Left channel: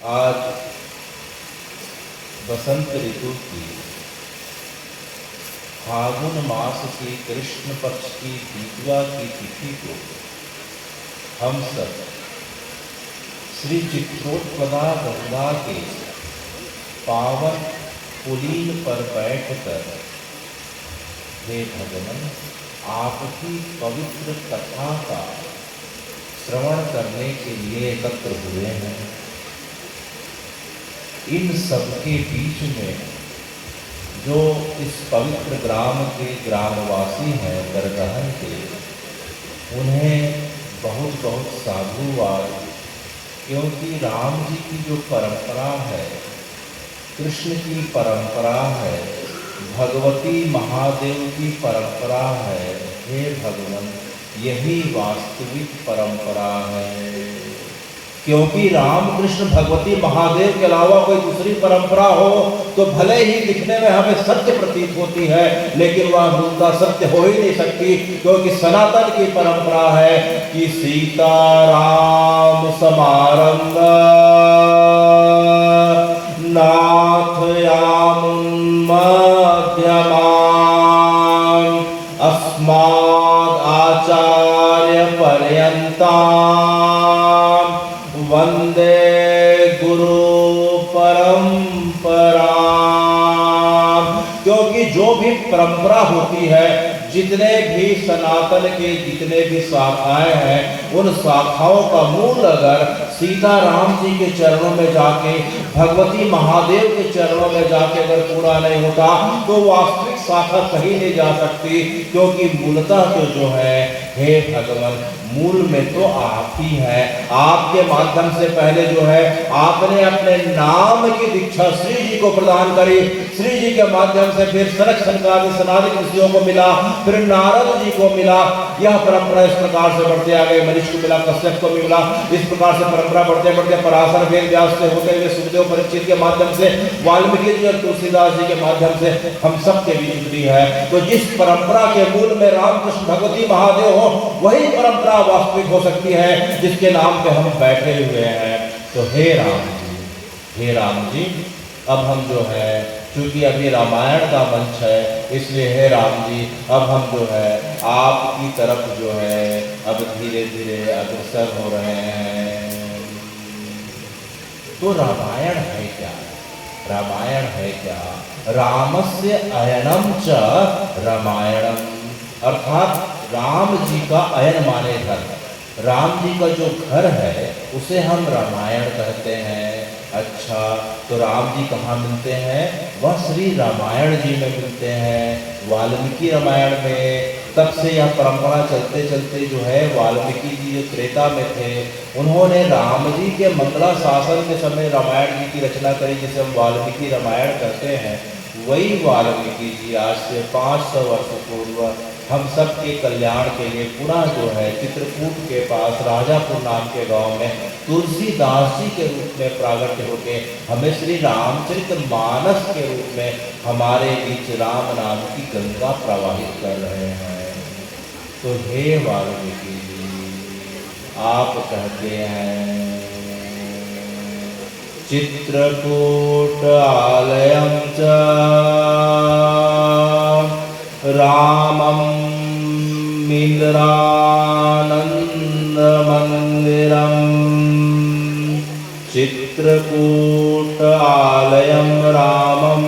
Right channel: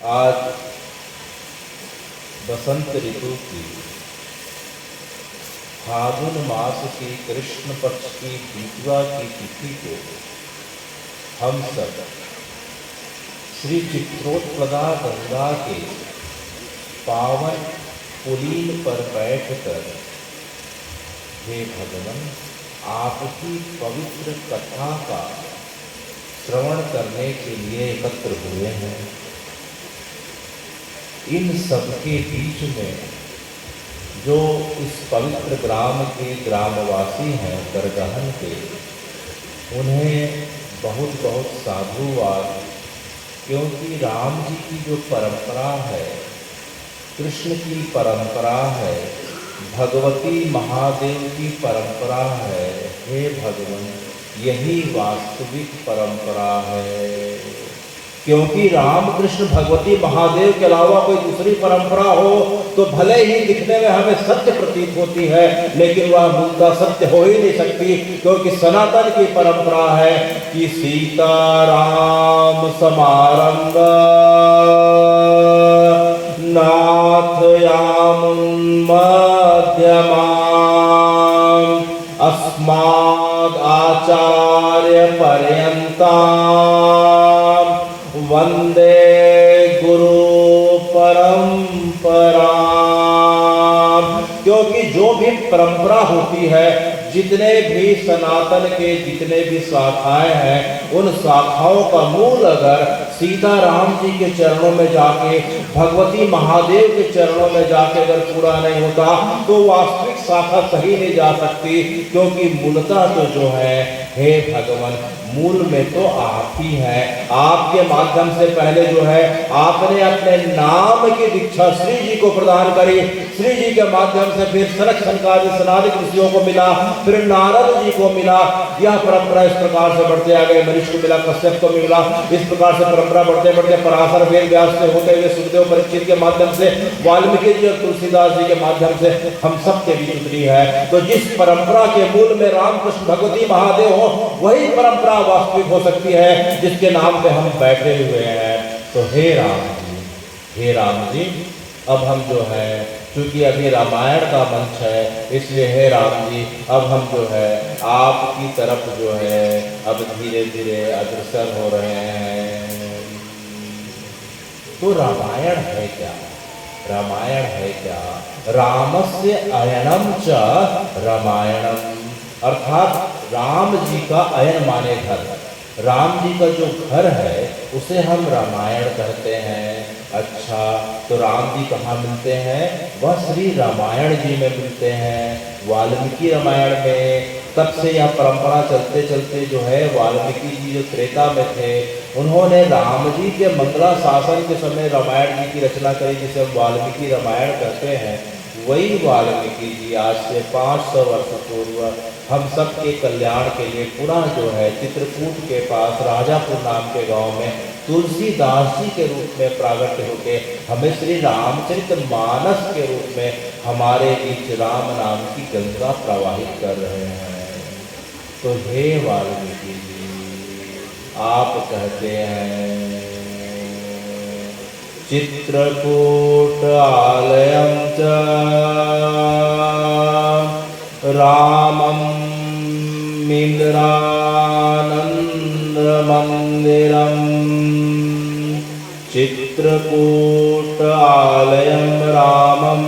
आज बसंत ऋतु की फागुन मास की कृष्ण पक्ष की द्वितीया की तिथि को हम सब श्री चित्रोत्पदा गंगा के पावन कुलीन पर बैठकर हे भगवान आपकी पवित्र कथा का श्रवण करने के लिए एकत्र हुए हैं। इन सबके बीच में जो इस पवित्र ग्राम के ग्रामवासी हैं दरगाह के, उन्हें बहुत बहुत साधुवाद, क्योंकि राम जी की जो परंपरा है, कृष्ण की परंपरा है, भगवती महादेव की परंपरा है। हे भगवान, यही वास्तविक परंपरा है, क्योंकि राम कृष्ण भगवती महादेव के अलावा कोई दूसरी परंपरा हो तो भले ही दिखने में हमें सत्य प्रतीत होती है, लेकिन वह मूलतः सत्य हो ही नहीं सकती, क्योंकि सनातन की परंपरा है कि सीता राम समारंभ नाथ याम मध्यमा अस्माद आचार्य पर्यंता वंदे गुरु परंपरा। क्योंकि जो भी परंपरा होती है, जितने भी सनातन के जितने भी शाखाएं हैं, उन शाखाओं का मूल अगर सीता राम जी के चरणों में जाके, भगवती महादेव के चरणों में जाके अगर पूरा नहीं होता तो वास्तविक शाखा कहीं नहीं जा सकती, क्योंकि मूलतः तो जो है, हे भगवान, मूल में तो आप ही है। आपके माध्यम से पहले जो है आपने अपने नाम की दीक्षा श्री जी को प्रदान करी, श्री जी के माध्यम से फिर सनक सनकादि सनातन ऋषियों को मिला, फिर नारद जी को मिला। यह परंपरा इस प्रकार से बढ़ते आगे, मनुष्य को मिला, कश्यप को मिला। इस प्रकार से परंपरा बढ़ते बढ़ते पराशर वेद व्यास से होते हुए सुखदेव परीक्षित के माध्यम से वाल्मीकि जी और तुलसीदास जी के माध्यम से हम सब के बीच उतरी है। तो जिस परंपरा के मूल में रामकृष्ण भगवती महादेव हो, वही परंपरा वास्तविक हो सकती है जिसके नाम पे हम बैठे हुए हैं। तो हे राम जी, अब हम जो है, क्योंकि अभी रामायण का मंच है, इसलिए हे राम जी, अब हम जो है आपकी तरफ जो है अब धीरे धीरे अग्रसर हो रहे हैं। तो रामायण है क्या? रामायण है क्या? रामस्य अयनम च रामायणम, अर्थात राम जी का अयन माने घर, राम जी का जो घर है उसे हम रामायण कहते हैं। अच्छा, तो राम जी कहाँ मिलते हैं? वह श्री रामायण जी में मिलते हैं, वाल्मीकि रामायण में। तब से यह परंपरा चलते चलते जो है, वाल्मीकि जी जो त्रेता में थे, उन्होंने राम जी के मंगला शासन के समय रामायण जी की रचना करी, जिसे हम वाल्मीकि रामायण कहते हैं। वही वाल्मीकि जी आज से 500 वर्ष पूर्व हम सब के कल्याण के लिए पुनः जो है चित्रकूट के पास राजापुर नाम के गांव में तुलसीदास जी के रूप में प्रागट्य होके हमें श्री रामचरित मानस के रूप में हमारे बीच राम नाम की गंगा प्रवाहित कर रहे हैं। तो हे वाल्मीकि जी, आप कहते हैं चित्रकूट आलयम च रामम इंद्रानंद मंदिरम, चित्रकूट आलयम रामम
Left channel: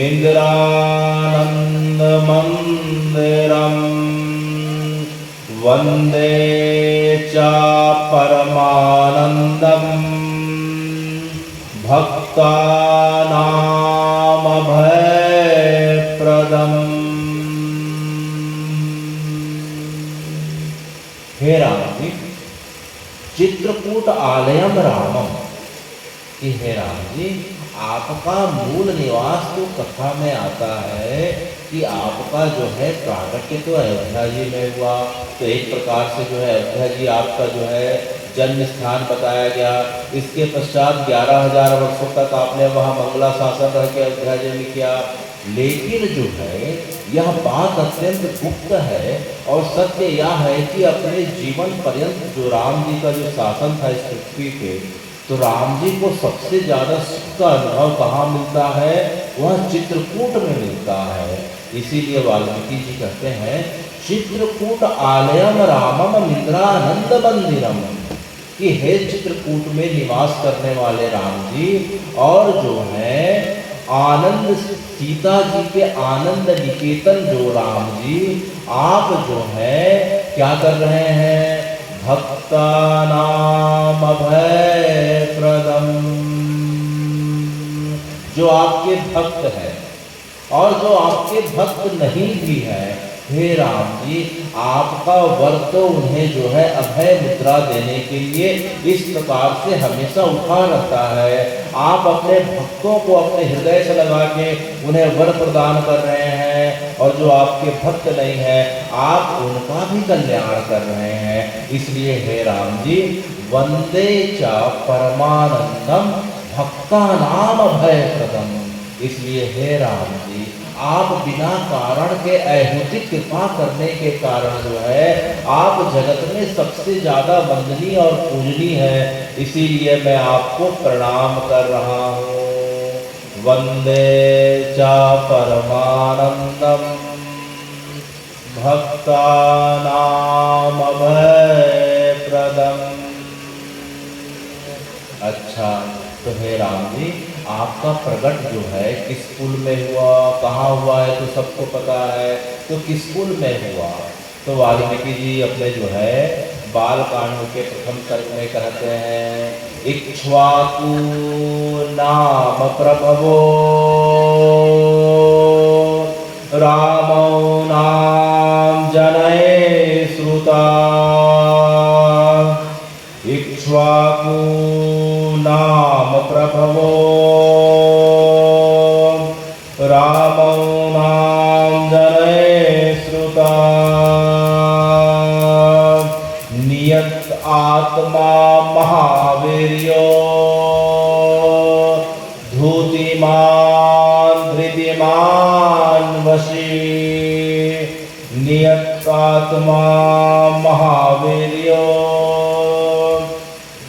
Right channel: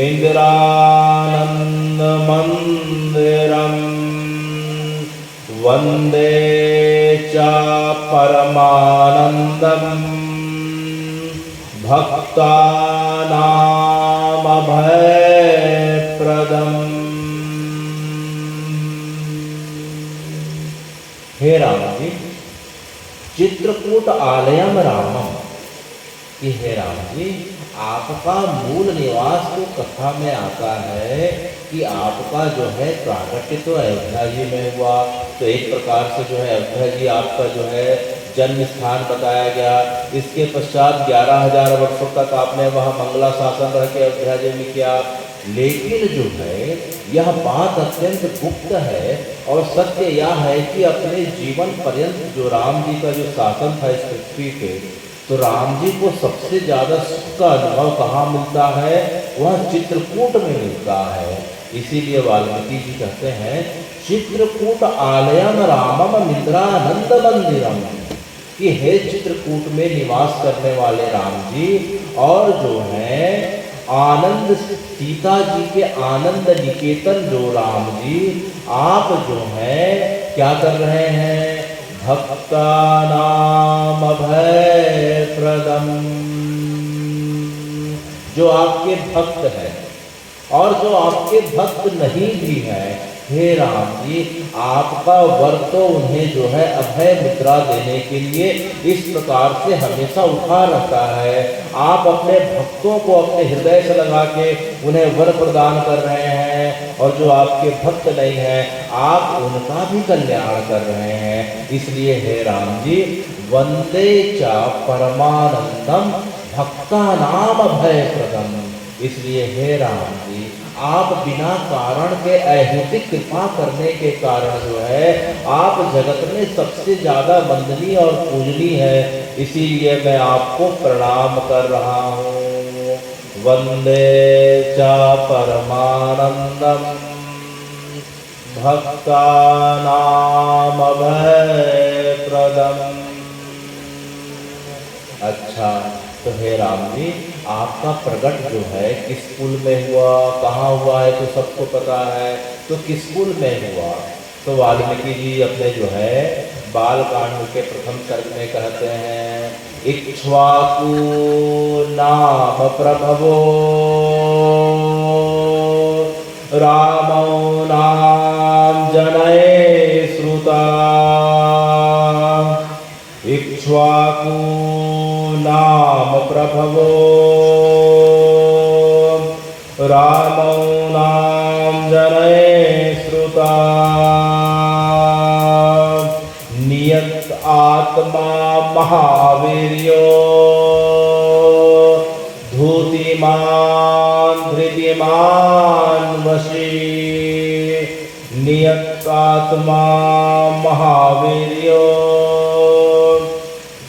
इंद्रानंद मंदिरम वंदे च परमानंदम भक्तानाम अभयप्रदम। हे राम जी, चित्रकूट आलयम रामम, कि हे राम जी, आपका मूल निवास तो कथा में आता है कि आपका जो है प्रागट्य तो अयोध्या जी में हुआ। तो एक प्रकार से जो है अयोध्या जी आपका जो है जन्म स्थान बताया गया। इसके पश्चात 11,000 वर्षों तक आपने वहाँ मंगला शासन रह के अयोध्या जी में किया। लेकिन जो है यह बात अत्यंत गुप्त है और सत्य यह है कि अपने जीवन पर्यंत जो राम जी का जो शासन था इस पृथ्वी पे, तो राम जी को सबसे ज्यादा सुख का अनुभव कहाँ मिलता है? वह चित्रकूट में मिलता है। इसीलिए वाल्मीकि जी कहते हैं चित्रकूट आलयम रामम इंद्रानंद मंदिरम, कि हे चित्रकूट में निवास करने वाले राम जी, और जो है आनंद सीता जी के आनंद निकेतन जो राम जी, आप जो है क्या कर रहे हैं? भक्ता नाम अभय प्रदम, जो आपके भक्त हैं और जो आपके भक्त नहीं भी हैं, हे राम जी आपका वर तो उन्हें जो है अभय मुद्रा देने के लिए इस प्रकार से हमेशा उठा रहता है। आप अपने भक्तों को अपने हृदय से लगा के उन्हें वर प्रदान कर रहे हैं, और जो आपके भक्त नहीं हैं आप उनका भी कल्याण कर रहे हैं। इसलिए हे राम जी वंदे च परमानंदम भक्ता नाम अभय प्रदम, इसलिए हे राम जी आप बिना कारण के अहैतुक कृपा करने के कारण जो है आप जगत में सबसे ज्यादा वंदनीय और पूजनीय है, इसीलिए मैं आपको प्रणाम कर रहा हूँ। वंदे च परमानंदम भक्तानाम अभय प्रदम। अच्छा, तो हे राम जी आपका प्रकट जो है किस कुल में हुआ, कहाँ हुआ है तो सबको पता है, तो किस कुल में हुआ? तो वाल्मीकि जी अपने जो है बाल कांड के प्रथम सर्ग में कहते हैं इक्ष्वाकु नाम प्रभवो रामो नाम जनये श्रुता, इक्ष्वाकु नाम प्रभवो रामो नाम जनये श्रुता, नियत आत्मा महावीर्यो धूतिमान धृतिमान वशी, नियत आत्मा महावीर्यो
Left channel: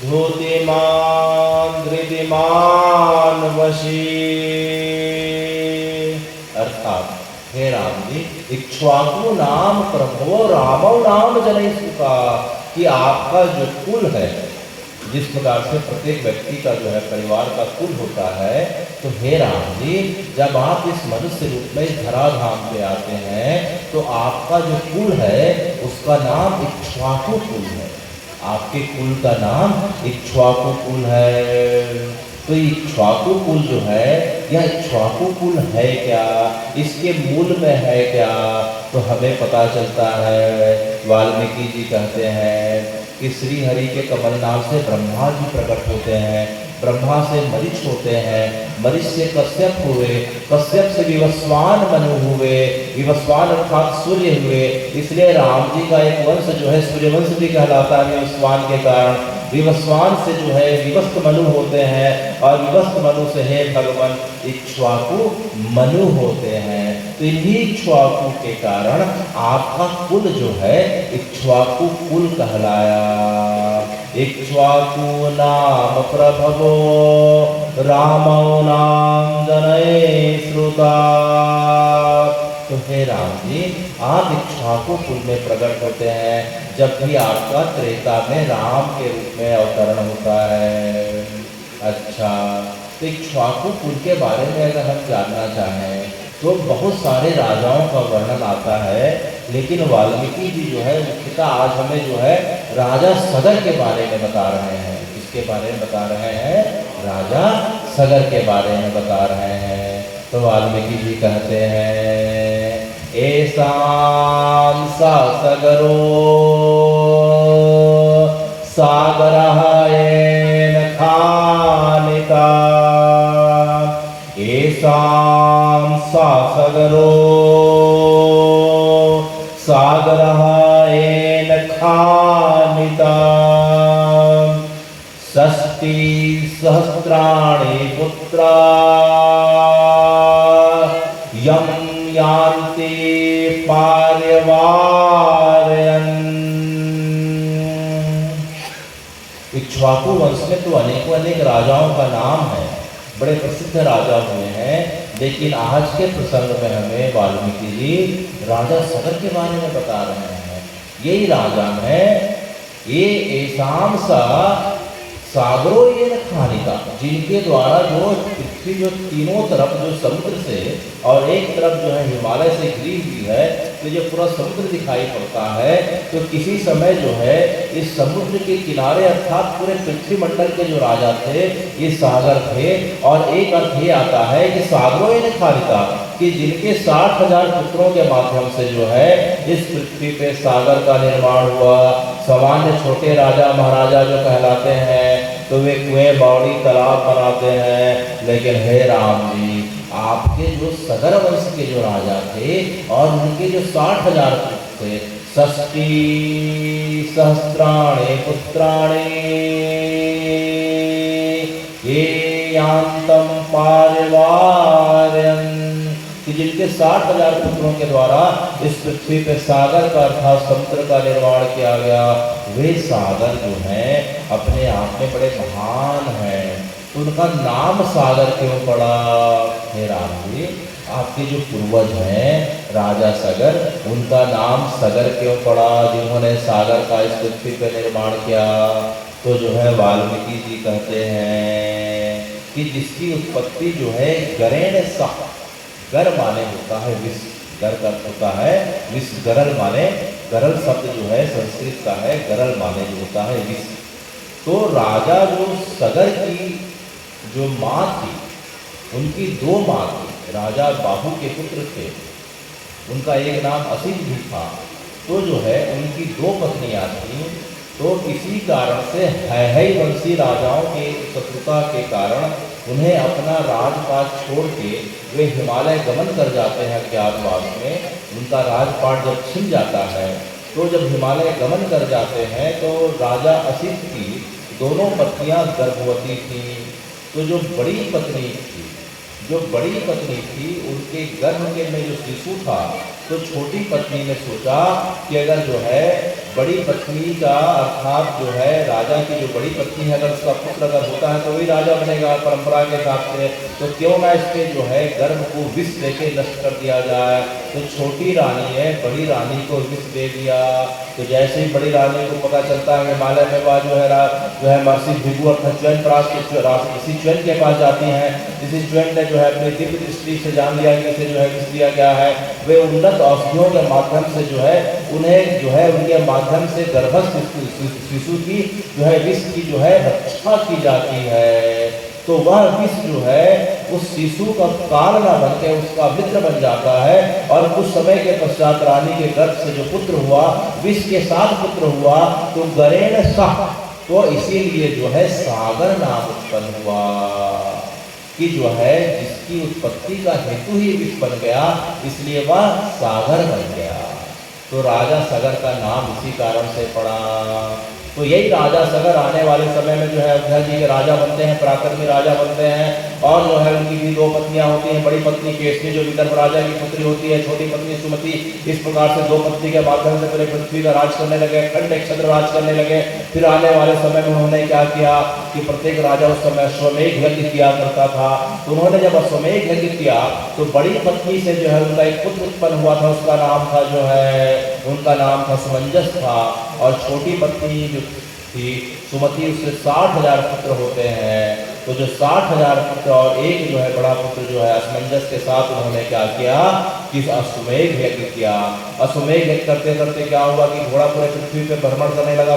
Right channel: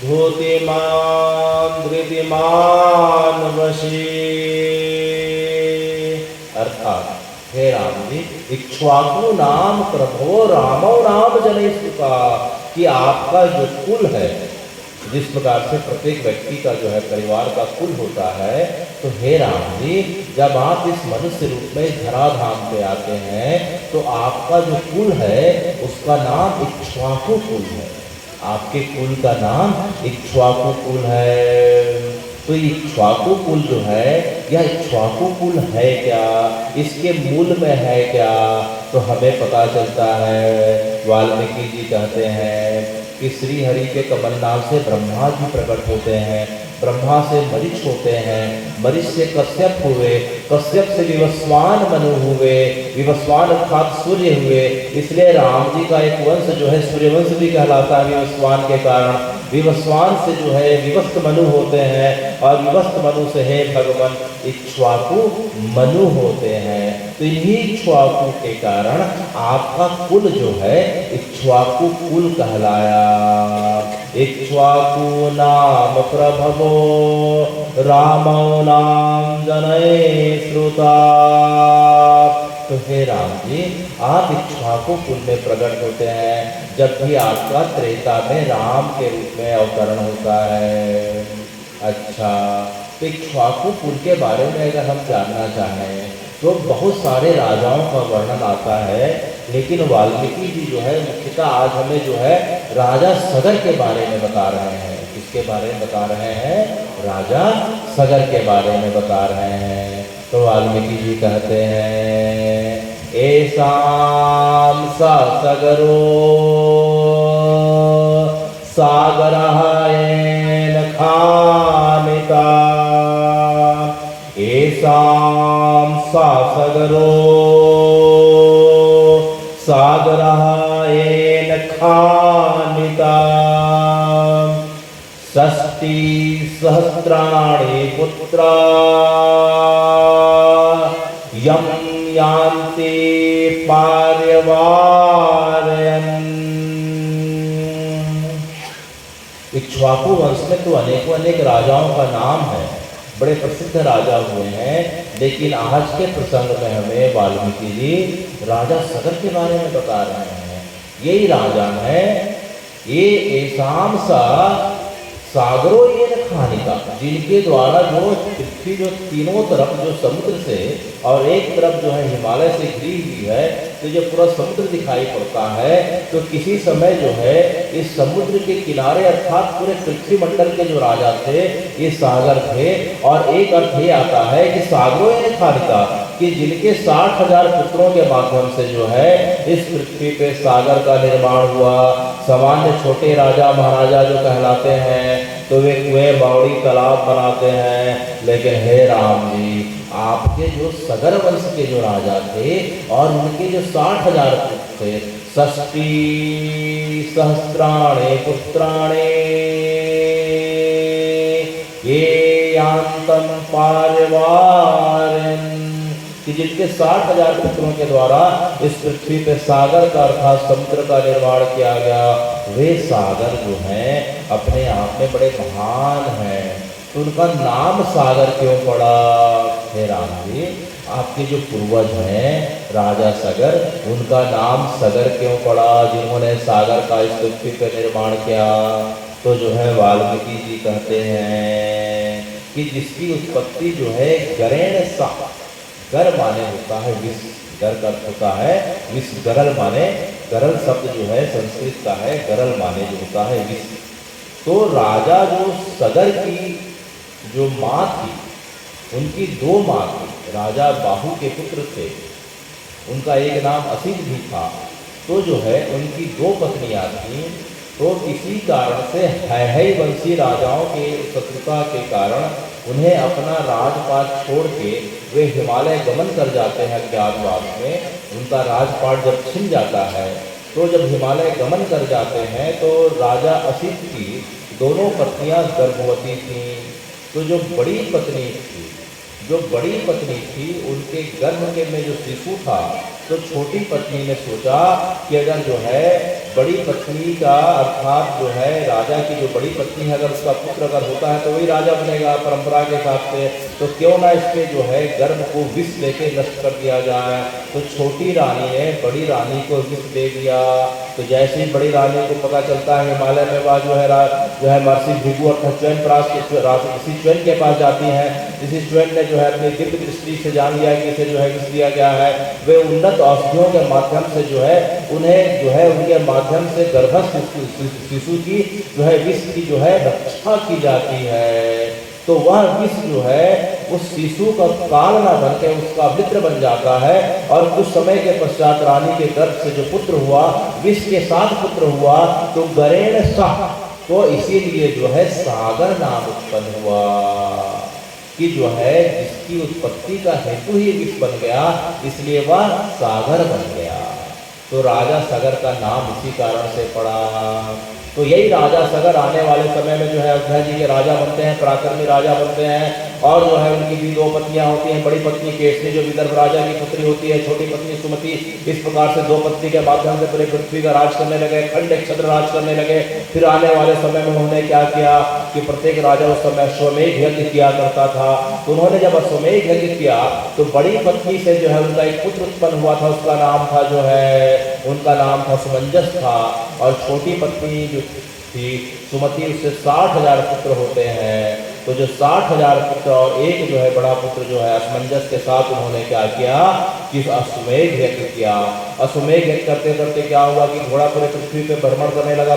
धूतिमान धृतिमान वशी। अर्थात हे राम जी इक्ष्वाकु नाम प्रभो रामो नाम जनये श्रुता, कि आपका जो कुल है, जिस प्रकार से प्रत्येक व्यक्ति का जो है परिवार का कुल होता है, तो हे राम जी जब आप इस मनुष्य रूप में धराधाम पे आते हैं तो आपका जो कुल है उसका नाम इक्ष्वाकु कुल है। आपके कुल का नाम इक्ष्वाकु कुल है। तो इक्ष्वाकु कुल जो है यह इक्ष्वाकु कुल है क्या, इसके मूल में है क्या, तो हमें पता चलता है। वाल्मीकि जी कहते हैं कि श्री हरि के कमलनाभ से ब्रह्मा जी प्रकट होते हैं, ब्रह्मा से मरीच होते हैं, मरीच से कश्यप हुए, कश्यप से विवस्वान मनु हुए, विवस्वान अर्थात सूर्य हुए। इसलिए राम जी का एक वंश जो है सूर्यवंश भी कहलाता है विवस्वान के कारण। विवस्वान से जो है विवस्त मनु होते हैं, और विवस्त मनु से है भगवान इक्ष्वाकु मनु होते हैं। तो इन्हीं इक्ष्वाकु के कारण आपका कुल जो है इक्ष्वाकु कुल कहलाया। इक्ष्वाकु नाम प्रभवो रामो नाम जनये श्रुता। तो हे राम जी आप इक्ष्वाकु कुल में प्रकट होते हैं जब भी आपका त्रेता में राम के रूप में अवतरण होता है। अच्छा, तो इक्ष्वाकु कुल के बारे में अगर हम जानना चाहें तो बहुत सारे राजाओं का वर्णन आता है, लेकिन वाल्मीकि जी जो है मुख्यतः आज हमें जो है राजा सगर के बारे में बता रहे हैं। किसके बारे में बता रहे हैं? राजा सगर के बारे में बता रहे हैं। तो वाल्मीकि जी कहते हैं एसाम सा सगरो सागरः येन खानिता, एसाम सा सगरो सागरः येन खानिता, षष्टि सहस्राणि पुत्रा यम यान्ति पारिवारयन्। इक्ष्वाकु वंश में तो अनेक राजाओं का नाम है, बड़े प्रसिद्ध राजा हुए हैं, लेकिन आज के प्रसंग में हमें वाल्मीकि जी राजा सगर के बारे में बता रहे हैं। यही राजा है, ये एसाम सा सागरो ये खानिका, जिनके द्वारा जो पृथ्वी जो तीनों तरफ जो समुद्र से और एक तरफ जो है हिमालय से घिरी हुई है, तो जो पूरा समुद्र दिखाई पड़ता है, तो किसी समय जो है इस समुद्र के किनारे अर्थात पूरे पृथ्वी मंडल के जो राजा थे ये सागर थे। और एक अर्थ ये आता है कि सागरो ये खानिका, कि जिनके 60,000 पुत्रों के माध्यम से जो है इस पृथ्वी पे सागर का निर्माण हुआ। सामान्य छोटे राजा महाराजा जो कहलाते हैं तो वे कुएं बावड़ी तालाब बनाते हैं, लेकिन हे राम जी आपके जो सगर वंश के जो राजा थे और उनके जो 60,000 पुत्र थे, षष्टि सहस्राणि पुत्राणि ये यान्तं पारिवारयन्, कि जिनके 60,000 पुत्रों के द्वारा इस पृथ्वी पे सागर का अर्थात समुद्र का निर्माण किया गया, वे सागर जो हैं अपने आप में बड़े महान हैं। तो उनका नाम सागर क्यों पड़ा? हे राम जी आपके जो पूर्वज हैं राजा सगर, उनका नाम सगर क्यों पड़ा, जिन्होंने सागर का इस पृथ्वी पे निर्माण किया? तो जो है वाल्मीकि जी कहते हैं कि जिसकी उत्पत्ति जो है गरेण सा, गर माने होता है विष, गर का होता है विष, गरल माने, गरल शब्द जो है संस्कृत का है, गरल माने जो होता है विष। तो राजा जो सगर की जो माँ थी, उनकी 2 माँ थी, राजा बाहु के पुत्र थे, उनका एक नाम असित भी था। तो जो है उनकी 2 पत्नियां थीं। तो किसी कारण से है वंशी राजाओं के शत्रुता के कारण उन्हें अपना राजपाट छोड़ के वे हिमालय गमन कर जाते हैं अज्ञातवास में। उनका राजपाट जब छिन जाता है, तो जब हिमालय गमन कर जाते हैं तो राजा असित की दोनों पत्नियां गर्भवती थीं। तो जो बड़ी पत्नी थी उनके गर्भ के में जो शिशु था, तो छोटी पत्नी ने सोचा कि अगर जो है बड़ी पत्नी का अर्थात जो है राजा की जो बड़ी पत्नी है, अगर उसका पुत्र अगर होता है तो वही राजा बनेगा परंपरा के हिसाब से, तो क्यों ना इसके जो है गर्भ को विष देके नष्ट कर दिया जाए। तो छोटी रानी है बड़ी रानी को विष दे दिया। तो जैसे ही बड़ी रानी को पता चलता है हिमालय में वह जो है महर्षि भृगु और च्यवनप्राश के ऋषि च्यवन के पास जाती हैं। ऋषि च्यवन ने जो है अपनी दिव्य दृष्टि से जान लिया कि इसे जो है विष दिया गया है। वे उन्नत औषधियों के माध्यम से जो है उन्हें जो है उनके माध्यम से गर्भस्थ शिशु की जो है विष की जो है रक्षा की जाती है। तो वह विष जो है उस शिशु का काल ना बन के उसका मित्र बन जाता है। और कुछ समय के पश्चात रानी के गर्भ से जो पुत्र हुआ, विष के साथ पुत्र हुआ, तो गरेण सा, तो इसीलिए जो है सागर नाम उत्पन्न हुआ कि जो है जिसकी उत्पत्ति का हेतु ही विष बन गया, इसलिए वह सागर बन गया। तो राजा सगर का नाम इसी कारण से पड़ा। तो यही राजा सगर आने वाले समय में जो है अयोध्या जी के राजा बनते हैं, पराक्रमी राजा बनते हैं। और जो है उनकी भी 2 पत्नियां होती हैं, बड़ी पत्नी केसरी जो विदर्भ राजा की पुत्री होती है, छोटी पत्नी सुमति। इस प्रकार से 2 पत्नी के माध्यम से पूरे पृथ्वी का राज करने लगे, खंड क्षत्र राज करने लगे। फिर आने वाले समय में उन्होंने क्या किया कि प्रत्येक राजा उस समय अश्वमेध यज्ञ किया करता था। उन्होंने जब अश्वमेध यज्ञ किया तो बड़ी पत्नी से जो है उनका एक पुत्र उत्पन्न हुआ था, उसका नाम था जो है उनका नाम था सुमंजस था। और छोटी पत्नी जो थी सुमति, उससे 60,000 पुत्र होते हैं। तो जो 60,000 पुत्र और एक जो है बड़ा पुत्र जो है असमंजस के साथ उन्होंने क्या किया कि अश्वमेध यज्ञ किया। अश्वमेध यज्ञ करते करते क्या हुआ कि घोड़ा पूरे पृथ्वी पे भ्रमण करने लगा,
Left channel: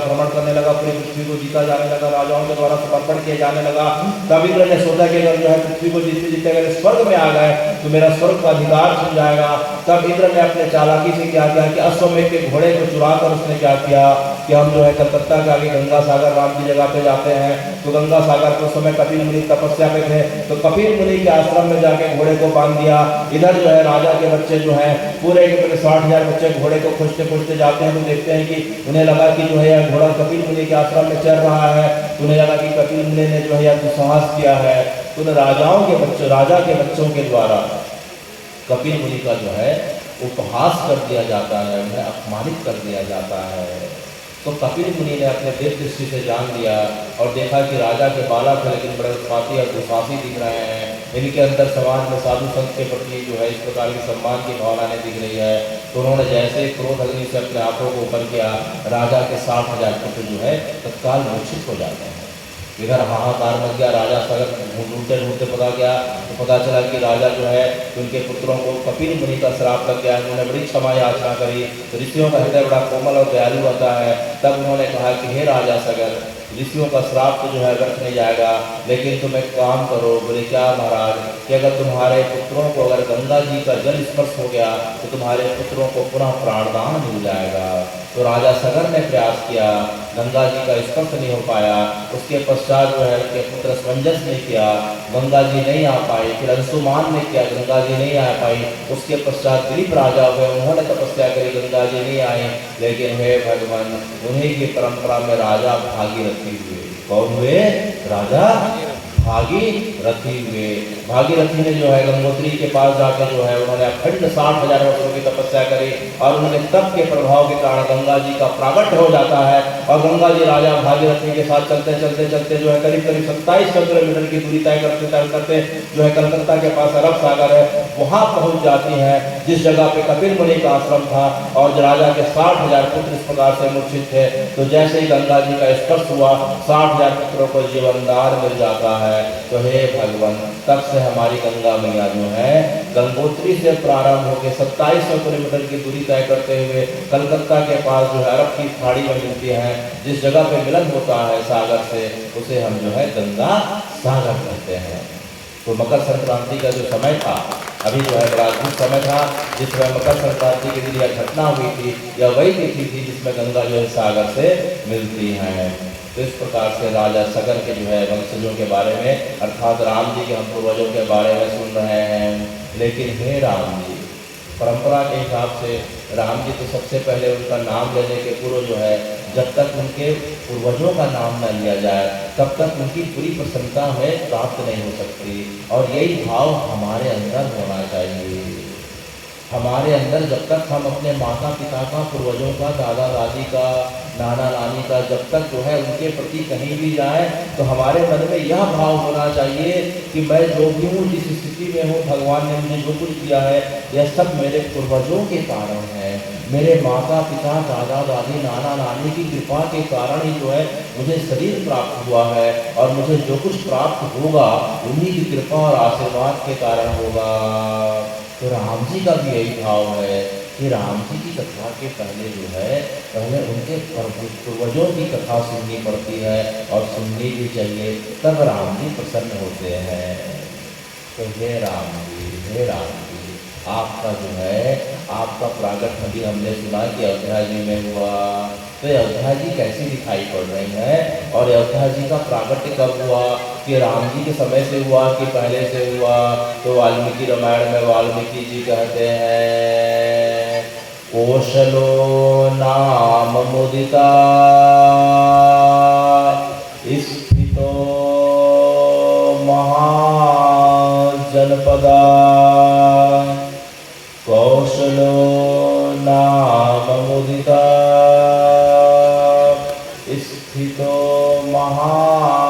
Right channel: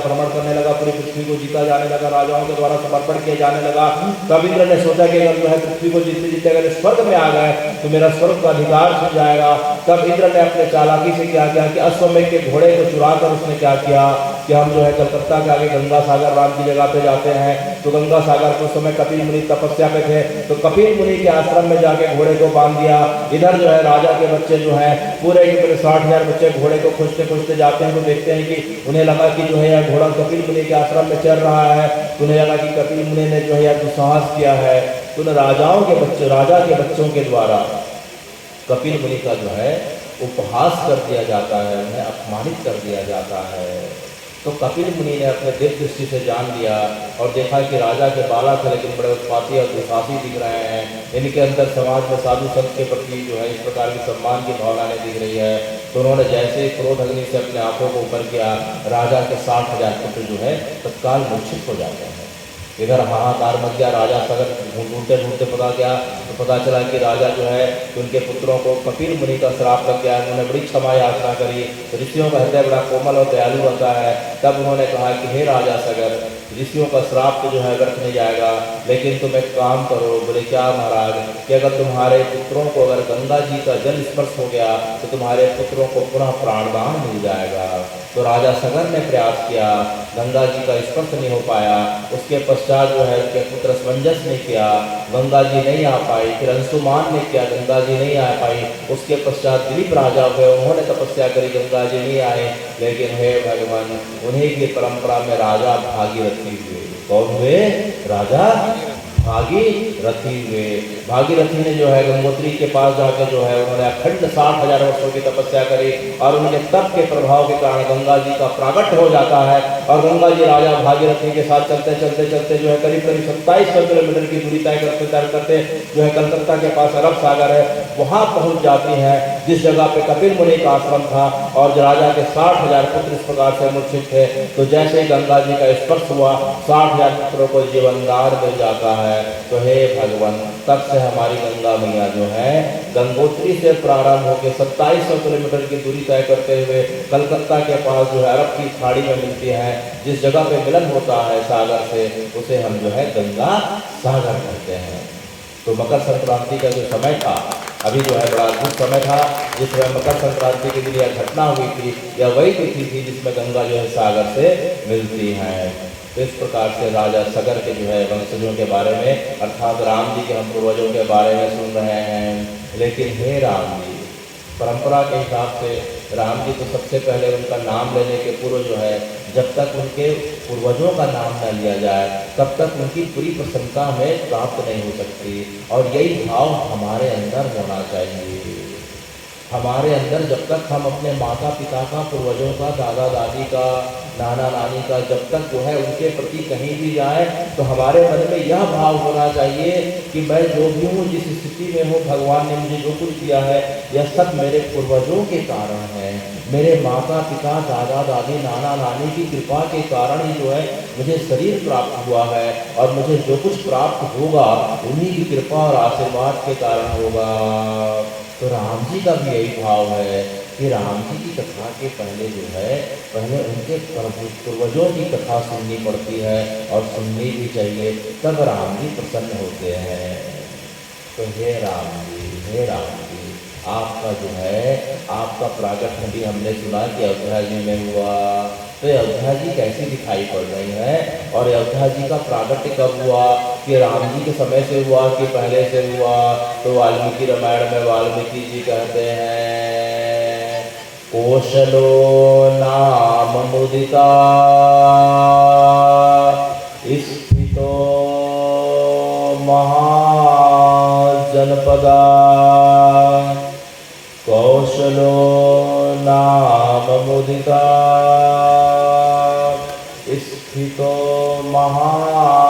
पूरी पृथ्वी को जीता जाने लगा, राजाओं के द्वारा समर्पण किया जाने लगा। तब इंद्र ने सोचा कि अगर जो है पृथ्वी को जीते जीते अगर स्वर्ग में आ गए तो मेरा स्वर्ग का अधिकार छिन जाएगा। तब इंद्र ने अपने चालाकी से क्या किया कि अश्वमेध के घोड़े को चुरा कर उसने क्या किया कि हम जो है कलकत्ता के आगे गंगा सागर नाम की जगह पे जाते हैं। तो गंगा सागर के समय कपिल मुनि तपस्या में थे, तो कपिल मुनि के आश्रम में जाके घोड़े को बांध दिया। इधर जो है राजा के बच्चे जो है पूरे 60,000 बच्चे घोड़े को खोजते खोजते जाते हैं। तो देखते हैं कि उन्हें लगा कि जो है यह घोड़ा कपिल मुनि के आश्रम में चल रहा है। उन्हें लगा कि कपिल मुनि ने जो है यह दुस्साहस किया है। तो राजाओं के बच्चे, राजा के बच्चों के द्वारा कपिल मुनि का जो है उपहास कर दिया जाता है, उन्हें अपमानित कर दिया जाता है। तो कपिल मुनि ने अपने दिव्य दृष्टि से जान लिया और देखा कि राजा के बालक लेकिन बड़े उत्पाती और दुस्साहसी दिख रहे हैं, इनके अंदर समाज में साधु संत के प्रति जो है इस प्रकार की सम्मान की भावनाएं दिख रही है। तो उन्होंने जैसे क्रोध अग्नि से अपने आंखों को ऊपर किया, राजा के 60,000 पुत्र जो है तत्काल मूर्छित हो जाते हैं। इधर हाहाकार मच गया, राजा सगर ढूंढते ढूंढते पता गया तो पता चला कि राजा जो है उनके पुत्रों को कपिल मुनि का श्राप लग गया। उन्होंने बड़ी क्षमा याचना करी। ऋषियों का हृदय बड़ा कोमल और दयालु होता है। तब उन्होंने कहा कि हे राजा सगर, ऋषियों का श्राप तो जो है व्यर्थ नहीं जाएगा, लेकिन तुम एक काम करो। बोले क्या महाराज? कि अगर तुम्हारे पुत्रों को अगर गंगा जी का जल स्पर्श हो गया तो तुम्हारे पुत्रों को पुनः प्राणदान मिल जाएगा। तो राजा सगर ने प्रयास किया, गंगा जी का स्पर्श नहीं हो पाया। उसके पश्चात जो है उनके पुत्र असमंजस ने किया, गंगा जी नहीं आ पाई। फिर अंशुमान ने किया, गंगा जी नहीं आ पाई। उसके पश्चात दिलीप राजा हुए, उन्होंने तपस्या करी, गंगा जी नहीं आए। लेकिन हे भगवान, उन्हीं की परंपरा में राजा भागीरथी हुए। कौन हुए? राजा भागीरथी हुए। भागीरथी ने जो है गंगोत्री के पास जाके जो है उन्होंने अखंड 60,000 वर्षों की तपस्या करी और उन्होंने तप के प्रभाव के कारण गंगा जी का प्रागट हो जाता है। और गंगा जी राजा भागीरथी के साथ चलते चलते चलते जो है करीब करीब 2700 किलोमीटर की दूरी तय करते जो है कलकत्ता के पास अरब सागर है, वहां पहुंच जाती है जिस जगह पे कपिल मुनि का आश्रम था। और जो राजा के 60,000 पुत्र इस प्रकार से मूर्छित थे, तो जैसे ही गंगा जी का स्पर्श हुआ 60,000 पुत्रों को जीवनदान मिल जाता है। तो हे भगवान, तब से हमारी गंगा मैया जो है गंगोत्री से प्रारंभ होकर 2700 किलोमीटर की दूरी तय करते हुए कलकत्ता के पास जो है अरब की खाड़ी में मिलती है। जिस जगह पे मिलन होता है सागर से, उसे हम जो है गंगा सागर कहते हैं। तो मकर संक्रांति का जो समय था, अभी जो है बड़ा अद्भुत समय था, जिसमें मकर संक्रांति के दिन यह घटना हुई थी, या वही तिथि थी जिसमें गंगा जो है सागर से मिलती है। तो इस प्रकार से राजा सगर के जो है वंशजों के बारे में, अर्थात राम जी के हम पूर्वजों के बारे में सुन रहे हैं। लेकिन हे राम जी, परंपरा के हिसाब से राम जी तो सबसे पहले उनका नाम लेने के पूर्व जो है, जब तक उनके पूर्वजों का नाम न लिया जाए तब तक उनकी पूरी प्रसन्नता हमें प्राप्त नहीं हो सकती। और यही भाव हमारे अंदर होना चाहिए। हमारे अंदर जब तक हम अपने माता पिता का, पूर्वजों का, दादा दादी का, नाना नानी का जब तक जो है उनके प्रति कहीं भी जाए, तो हमारे मन में यह भाव होना चाहिए कि मैं जो भी हूँ, जिस स्थिति में हूँ, भगवान ने मुझे जो कुछ दिया है यह सब मेरे पूर्वजों के कारण है। मेरे माता पिता, दादा दादी, नाना नानी की कृपा के कारण ही जो है मुझे शरीर प्राप्त हुआ है, और मुझे जो कुछ प्राप्त होगा उन्हीं की कृपा और आशीर्वाद के कारण होगा। तो राम जी का भी यही भाव है कि राम जी की कथा के पहले जो है, पहले उनके पूर्वजों की कथा सुननी पड़ती है और सुननी भी चाहिए, तब राम जी प्रसन्न होते हैं। तो हे राम जी, हे राम जी, आपका जो है आपका प्रागट भी हमने सुना कि अयोध्या जी में हुआ। तो अयोध्या जी कैसी दिखाई पड़ रही है, और अयोध्या जी का प्रागट्य कब हुआ? कि राम जी के समय से हुआ कि पहले से हुआ? तो वाल्मीकि रामायण में वाल्मीकि जी कहते हैं, कौशलो नाम मुदिता स्थितो महाजनपदा। कौशलो नाम मुदिता स्थितो महाजनपदा।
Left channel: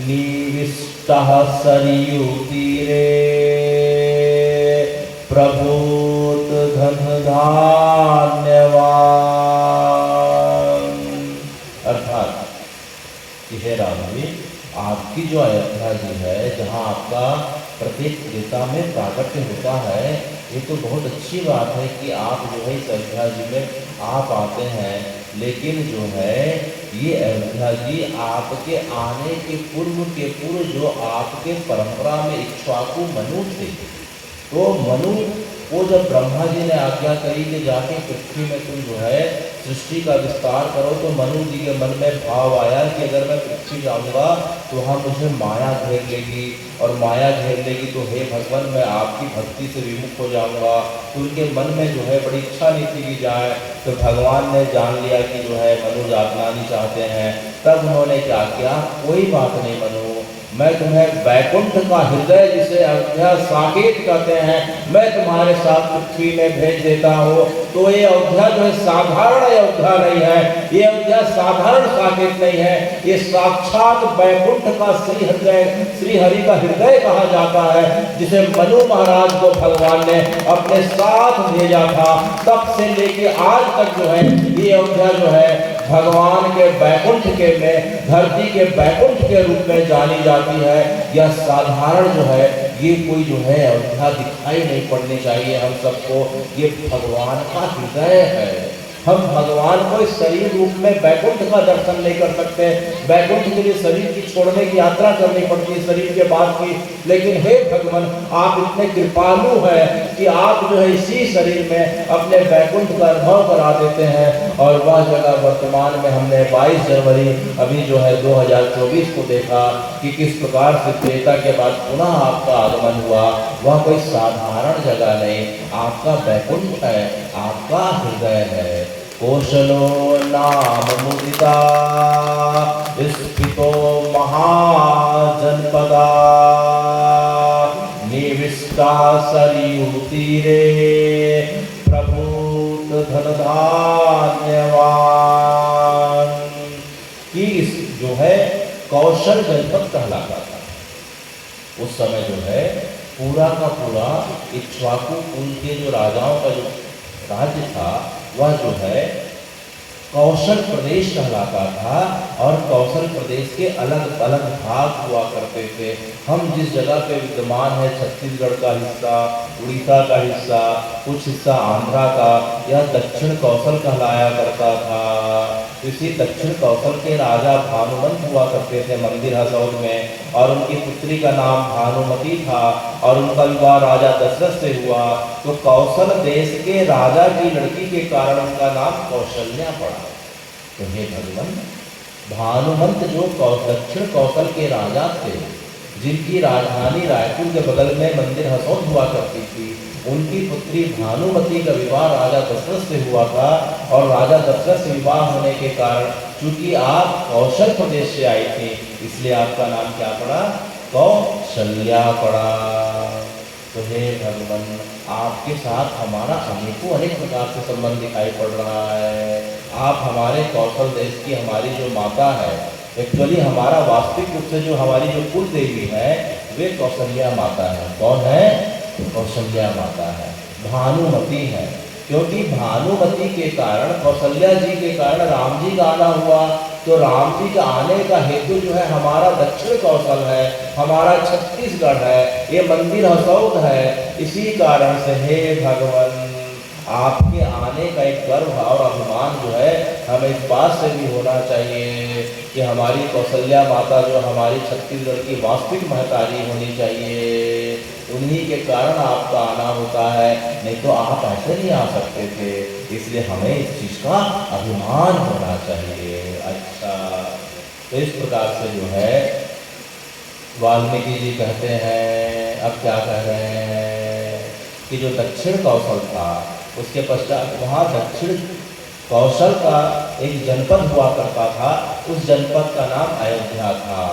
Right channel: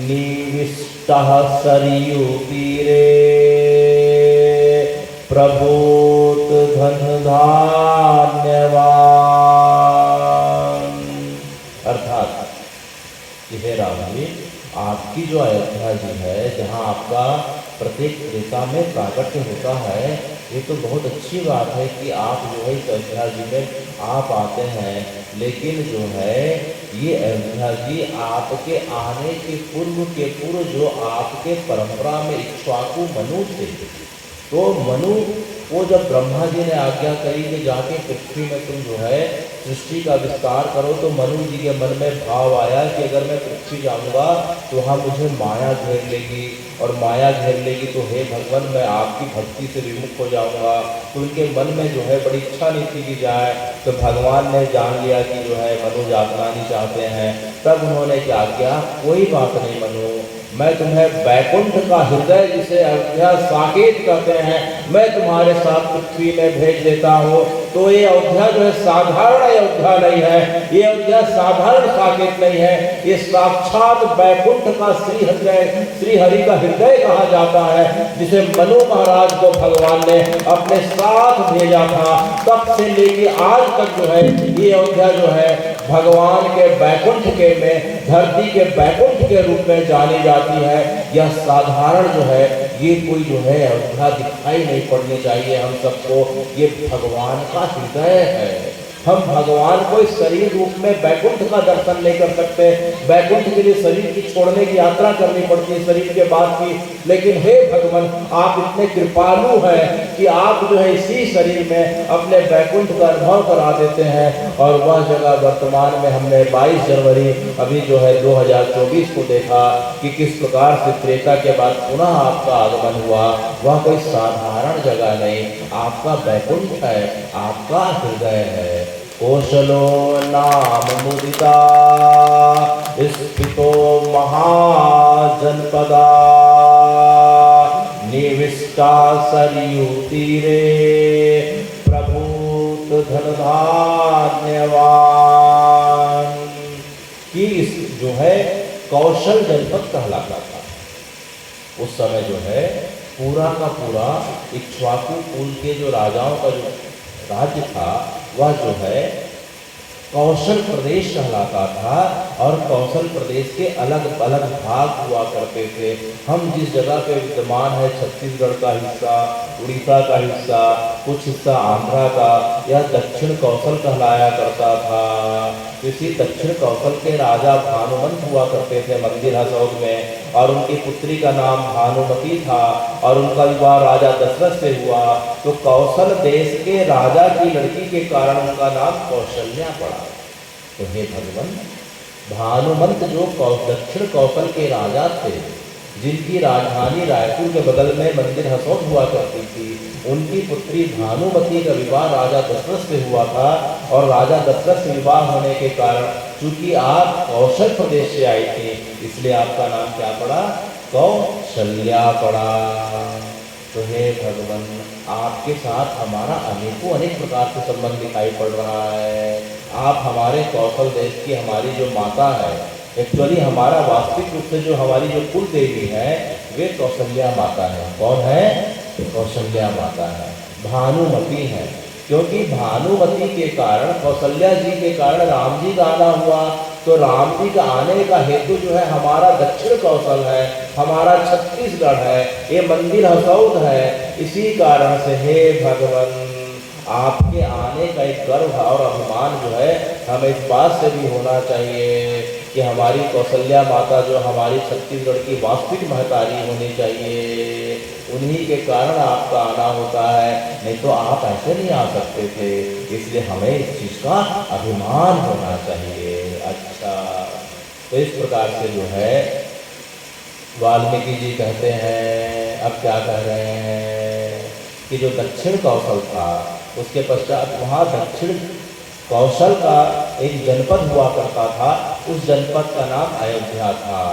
निविष्टः सरयू तीरे प्रभूत धन धान्यवान। अर्थात कि हे राम जी, आपकी जो अयोध्या जी है, जहाँ आपका प्रत्येक त्रेता में प्राकट्य होता है, ये तो बहुत अच्छी बात है कि आप जो है इस अयोध्या जी में आप आते हैं। लेकिन जो है ये अयोध्या जी आपके आने के पूर्व जो आपके परंपरा में इक्ष्वाकु मनु थे, तो मनु को जब ब्रह्मा जी ने आज्ञा करी कि जाके पृथ्वी में तुम जो है सृष्टि का विस्तार करो, तो मनु जी के मन में भाव आया कि अगर मैं पृथ्वी जाऊंगा तो हाँ मुझे माया घेर लेगी, और माया घेर लेगी तो हे भगवान मैं आपकी भक्ति से विमुख हो जाऊंगा। तो उनके मन में जो है बड़ी इच्छा नहीं थी कि जाए। तो भगवान ने जान लिया कि जो है मनु अपनानी चाहते हैं, तब उन्होंने क्या किया, कोई बात नहीं मनु, मैं तुम्हें बैकुंठ का हृदय जिसे अयोध्या साकेत कहते हैं, मैं तुम्हारे साथ पृथ्वी में भेज देता हूँ। तो ये अयोध्या जो है साधारण अयोध्या नहीं है, ये अयोध्या साधारण साकेत नहीं है, ये साक्षात बैकुंठ का श्री हरि का हृदय कहा जाता है, जिसे मनु महाराज को भगवान ने अपने साथ भेजा था। तब से लेके आज तक जो है ये अयोध्या जो है भगवान के बैकुंठ के में धरती के बैकुंठ के रूप में जानी जाती है। यह साधारण जो है ये कोई जो है अयोध्या दिखाई नहीं पड़नी चाहिए हम सबको, ये भगवान का हृदय है। हम भगवान को इस शरीर रूप में बैकुंठ का दर्शन नहीं कर सकते, बैकुंठ के लिए शरीर की छोड़ने की यात्रा करनी पड़ती है शरीर के बाद की। लेकिन हे भगवान, आप इतने कृपालु हैं कि आप जो है इसी शरीर में अपने बैकुंठ का अनुभव करा देते हैं। और वह जगह वर्तमान में हमने 22 जनवरी अभी जो है 2024 को देखा कि किस प्रकार से त्रेता के बाद पुनः आपका आगमन हुआ। वह कोई साधारण जगह नहीं, आपका बैकुंठ है, आपका हृदय है। कौशलो नाम मुदिता स्थितो महाजनपदा निविष्टा सरयू तीरे प्रभूत धनधान्यवान। कि जो है कौशल जनपद कहलाता था। उस समय जो है पूरा का पूरा इक्ष्वाकु कुल के जो राजाओं का जो राज्य था वह जो है कौशल प्रदेश कहलाता था। और कौशल प्रदेश के अलग अलग भाग हुआ करते थे। हम जिस जगह पे विद्यमान है, छत्तीसगढ़ का हिस्सा, उड़ीसा का हिस्सा, कुछ हिस्सा आंध्रा का, यह दक्षिण कौशल कहलाया करता था। इसी दक्षिण कौशल के राजा भानुमंत हुआ करते थे मंदिर हसौद में, और उनकी पुत्री का नाम भानुमती था, और उनका विवाह राजा दशरथ से हुआ। तो कौशल देश के राजा की लड़की के कारण उनका नाम कौशल्या पड़ा। तो हे भगवान, भानुमंत जो दक्षिण कौशल के राजा थे, जिनकी राजधानी रायपुर के बगल में मंदिर हसौद हुआ करती थी, उनकी पुत्री भानुमती का विवाह राजा दशरथ से हुआ था। और राजा दशरथ से विवाह होने के कारण चूंकि आप कौशल प्रदेश से आई थी, इसलिए आपका नाम क्या पड़ा? कौशल्या पड़ा। तो हे भगवान, आपके साथ हमारा अनेक प्रकार के संबंध दिखाई पड़ रहा है। आप हमारे कौशल देश की हमारी जो माता है, एक्चुअली हमारा वास्तविक रूप से जो हमारी जो कुल देवी है वे कौशल्या माता है। कौन है? कौशल्या माता है, भानुमती है। क्योंकि भानुमती के कारण, कौशल्या जी के कारण राम जी का आना हुआ। तो राम जी का आने का हेतु जो है हमारा दक्षिण कौशल है, हमारा छत्तीसगढ़ है, ये मंदिर हसौद है। इसी कारण से हे भगवान, आपके आने का एक गर्व और अभिमान जो है हमें इस बात से भी होना चाहिए कि हमारी कौशल्या माता जो हमारी छत्तीसगढ़ की वास्तविक महतारी होनी चाहिए। उन्हीं के कारण आपका आना होता है, नहीं तो आप ऐसे नहीं आ सकते थे। इसलिए हमें इस चीज का अभिमान होना चाहिए। अच्छा, तो इस प्रकार से जो है वाल्मीकि जी कहते हैं, अब क्या कह रहे हैं कि जो दक्षिण कौशल था उसके पश्चात वहाँ दक्षिण कौशल का एक जनपद हुआ करता था, उस जनपद का नाम अयोध्या था।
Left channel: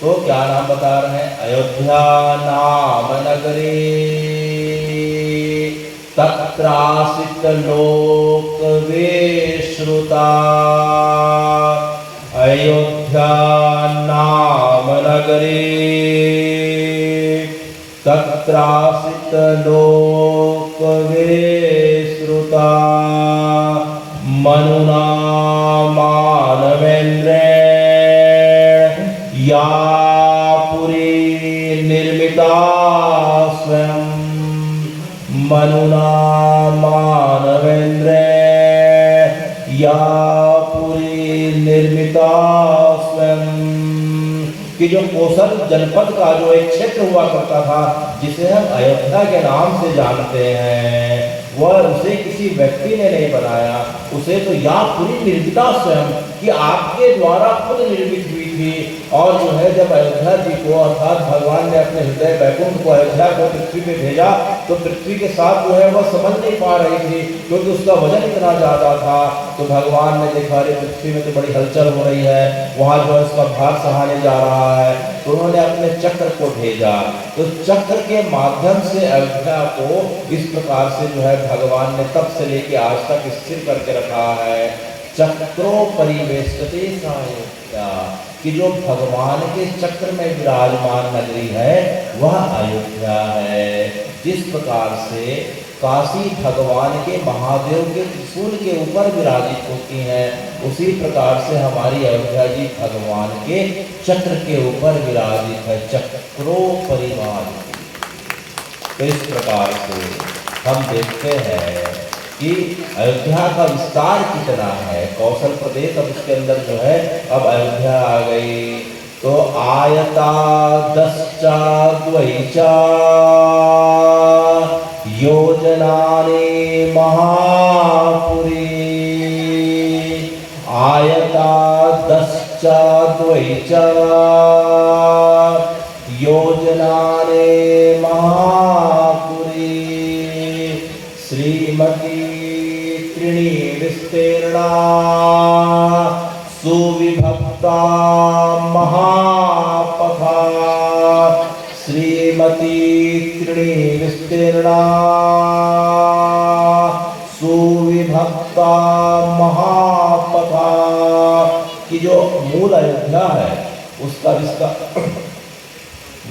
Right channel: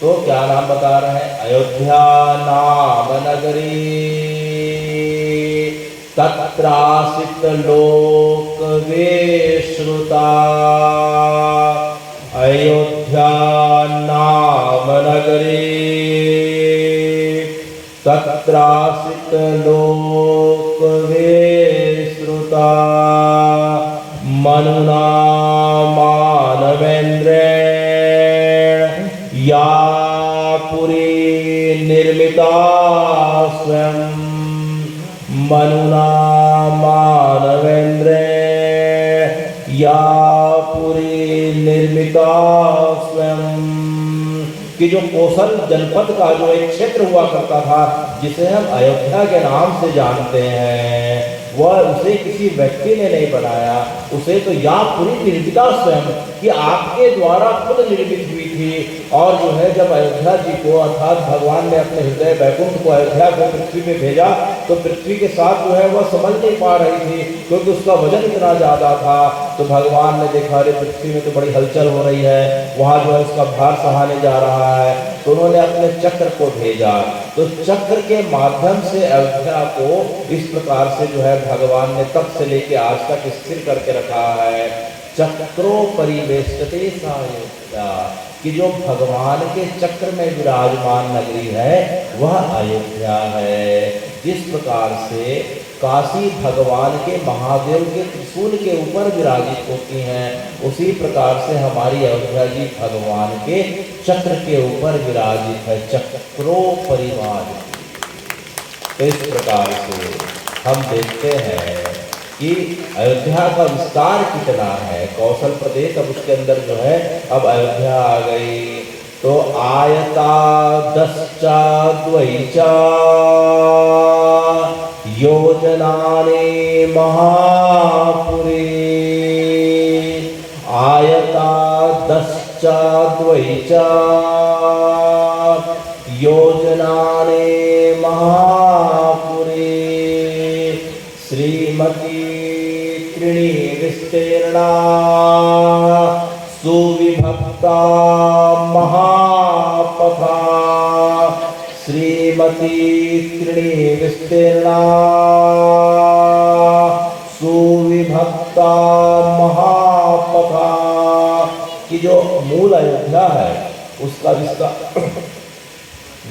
तो क्या नाम बता रहे हैं? अयोध्या नाम नगरी तत्रासित लोक विश्रुता। अयोध्या नाम नगरी तत्रासित लोक विश्रुता। मनुना मानवेंद्र या पुरी निर्मिता स्वयं। मनुना मानवेंद्र या पुरी निर्मिता स्वयं। कि जो कौशल जनपद का जो एक क्षेत्र हुआ करता था, जिसे हम अयोध्या के नाम से जानते हैं, वह उसे किसी व्यक्ति ने नहीं बनाया, उसे तो या पूरी निर्मिता स्वयं कि आपके द्वारा खुद निर्मित हुई थी। और जो है जब अयोध्या जी को अर्थात भगवान ने अपने हृदय वैकुंठ को अयोध्या को पृथ्वी पे भेजा तो पृथ्वी के साथ जो है वह समझ नहीं पा रही थी क्योंकि उसका वजन इतना ज्यादा था। तो भगवान ने देखा अरे पृथ्वी में तो बड़ी हलचल हो रही है, वहां जो है उसका भार सहाने जा रहा है, तो उन्होंने अपने चक्र को भेजा। तो चक्र के माध्यम से अयोध्या को इस प्रकार से जो है भगवान ने तब से लेके आज तक स्थिर करके रखा है। चक्रो परिवेष्टते सा अयोध्या, कि जो भगवान के चक्र में विराजमान नगरी है वह अयोध्या है। जिस प्रकार से काशी भगवान के महादेव के त्रिशूल के ऊपर विराजित होती हैं, उसी प्रकार से हमारी अयोध्या जी भगवान के चक्र के ऊपर विराजित है। चक्रो परिवार, इस प्रकार से हम देखते हैं कि अयोध्या का विस्तार कितना है। कौशल प्रदेश अब उसके अंदर जो है अब अयोध्या आ गई। तो आयता दश्चा द्वैचा योजनाने महापुरी, आयता दश्चा द्वैचा योजनाने महापुरी, श्रीमती विस्तीर्णा सुविभक्ता महापथा, श्रीमती विस्तीर्णा सुविभक्ता महापथा, कि जो मूल अयोध्या है उसका जिसका